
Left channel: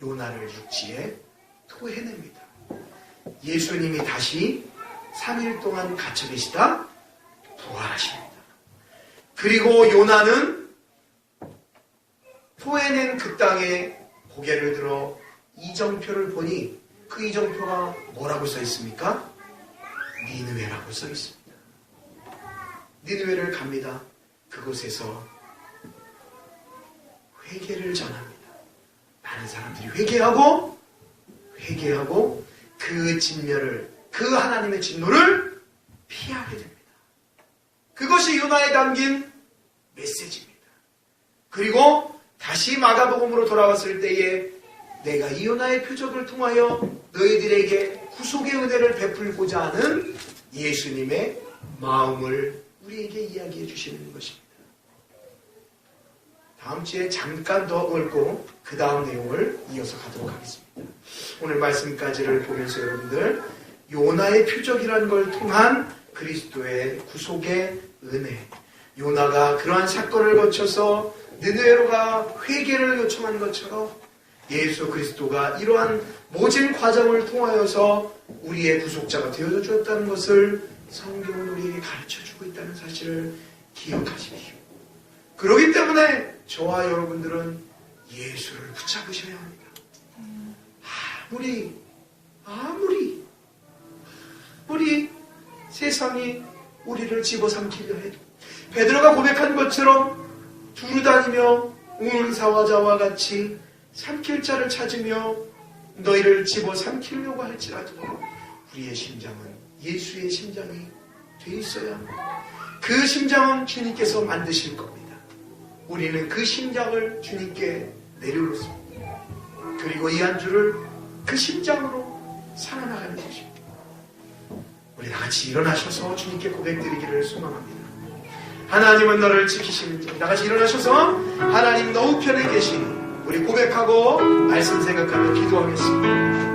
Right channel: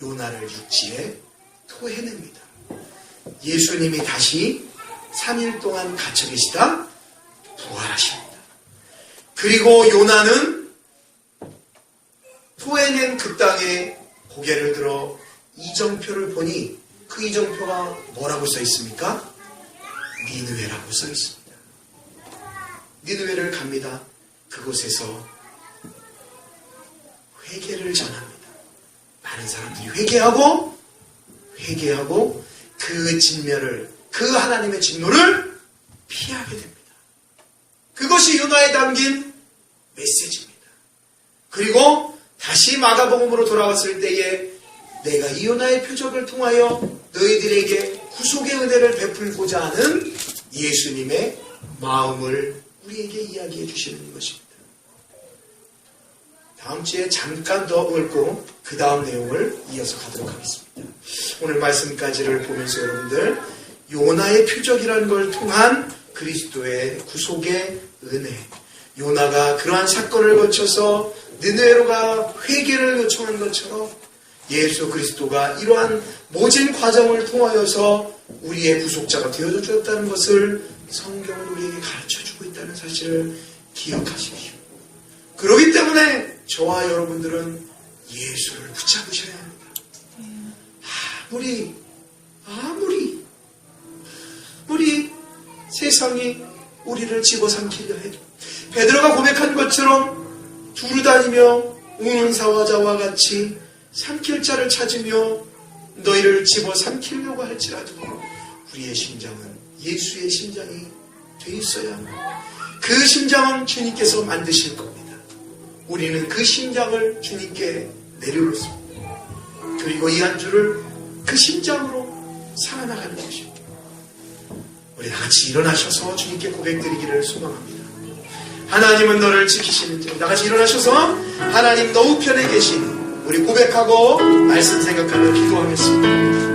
요나를 육지에 토해냅니다. 예수님이 다시 3일 동안 갇혀 계시다 부활하십니다. 그리고 요나는 토해낸 그 땅에 고개를 들어 이정표를 보니 그 이정표가 뭐라고 써 있습니까? 니느웨라고 써 있습니다. 니느웨를 갑니다. 그곳에서 회개를 전합니다. 많은 사람들이 회개하고 그 진멸을, 그 하나님의 진노를 피하게 됩니다. 그것이 요나에 담긴 메시지입니다. 그리고 다시 마가복음으로 돌아왔을 때에 내가 이 요나의 표적을 통하여 너희들에게 구속의 은혜를 베풀고자 하는 예수님의 마음을 우리에게 이야기해 주시는 것입니다. 다음 주에 잠깐 더 읽고 그 다음 내용을 이어서 가도록 하겠습니다. 오늘 말씀까지를 보면서 여러분들, 요나의 표적이라는 걸 통한 그리스도의 구속의 은혜, 요나가 그러한 사건을 거쳐서 느느웨로가 회개를 요청한 것처럼 예수 그리스도가 이러한 모진 과정을 통하여서 우리의 구속자가 되어줬다는 것을 성경은 우리에게 가르쳐주고 있다는 사실을 기억하십시오. 그렇기 때문에 저와 여러분들은 예수를 붙잡으셔야 합니다. 아무리 세상이 우리를 집어삼키려 해도 베드로가 고백한 것처럼 두루다니며 우는 자와 같이 삼킬 자를 찾으며 너희를 집어삼키려고 할지라도 우리의 심장은 예수의 심장이 돼 있어야 합니다. 그 심장은 주님께서 만드실 겁니다. 우리는 그 심장을 주님께 내려놓습니다. 그리고 이 한 주를 그 심장으로 살아나가는 것입니다. 우리 다같이 일어나셔서 주님께 고백드리기를 소망합니다. 하나님은 너를 지키시는 자. 다같이 일어나셔서 하나님 너 우편에 계시니 우리 고백하고 말씀 생각하며 기도하겠습니다.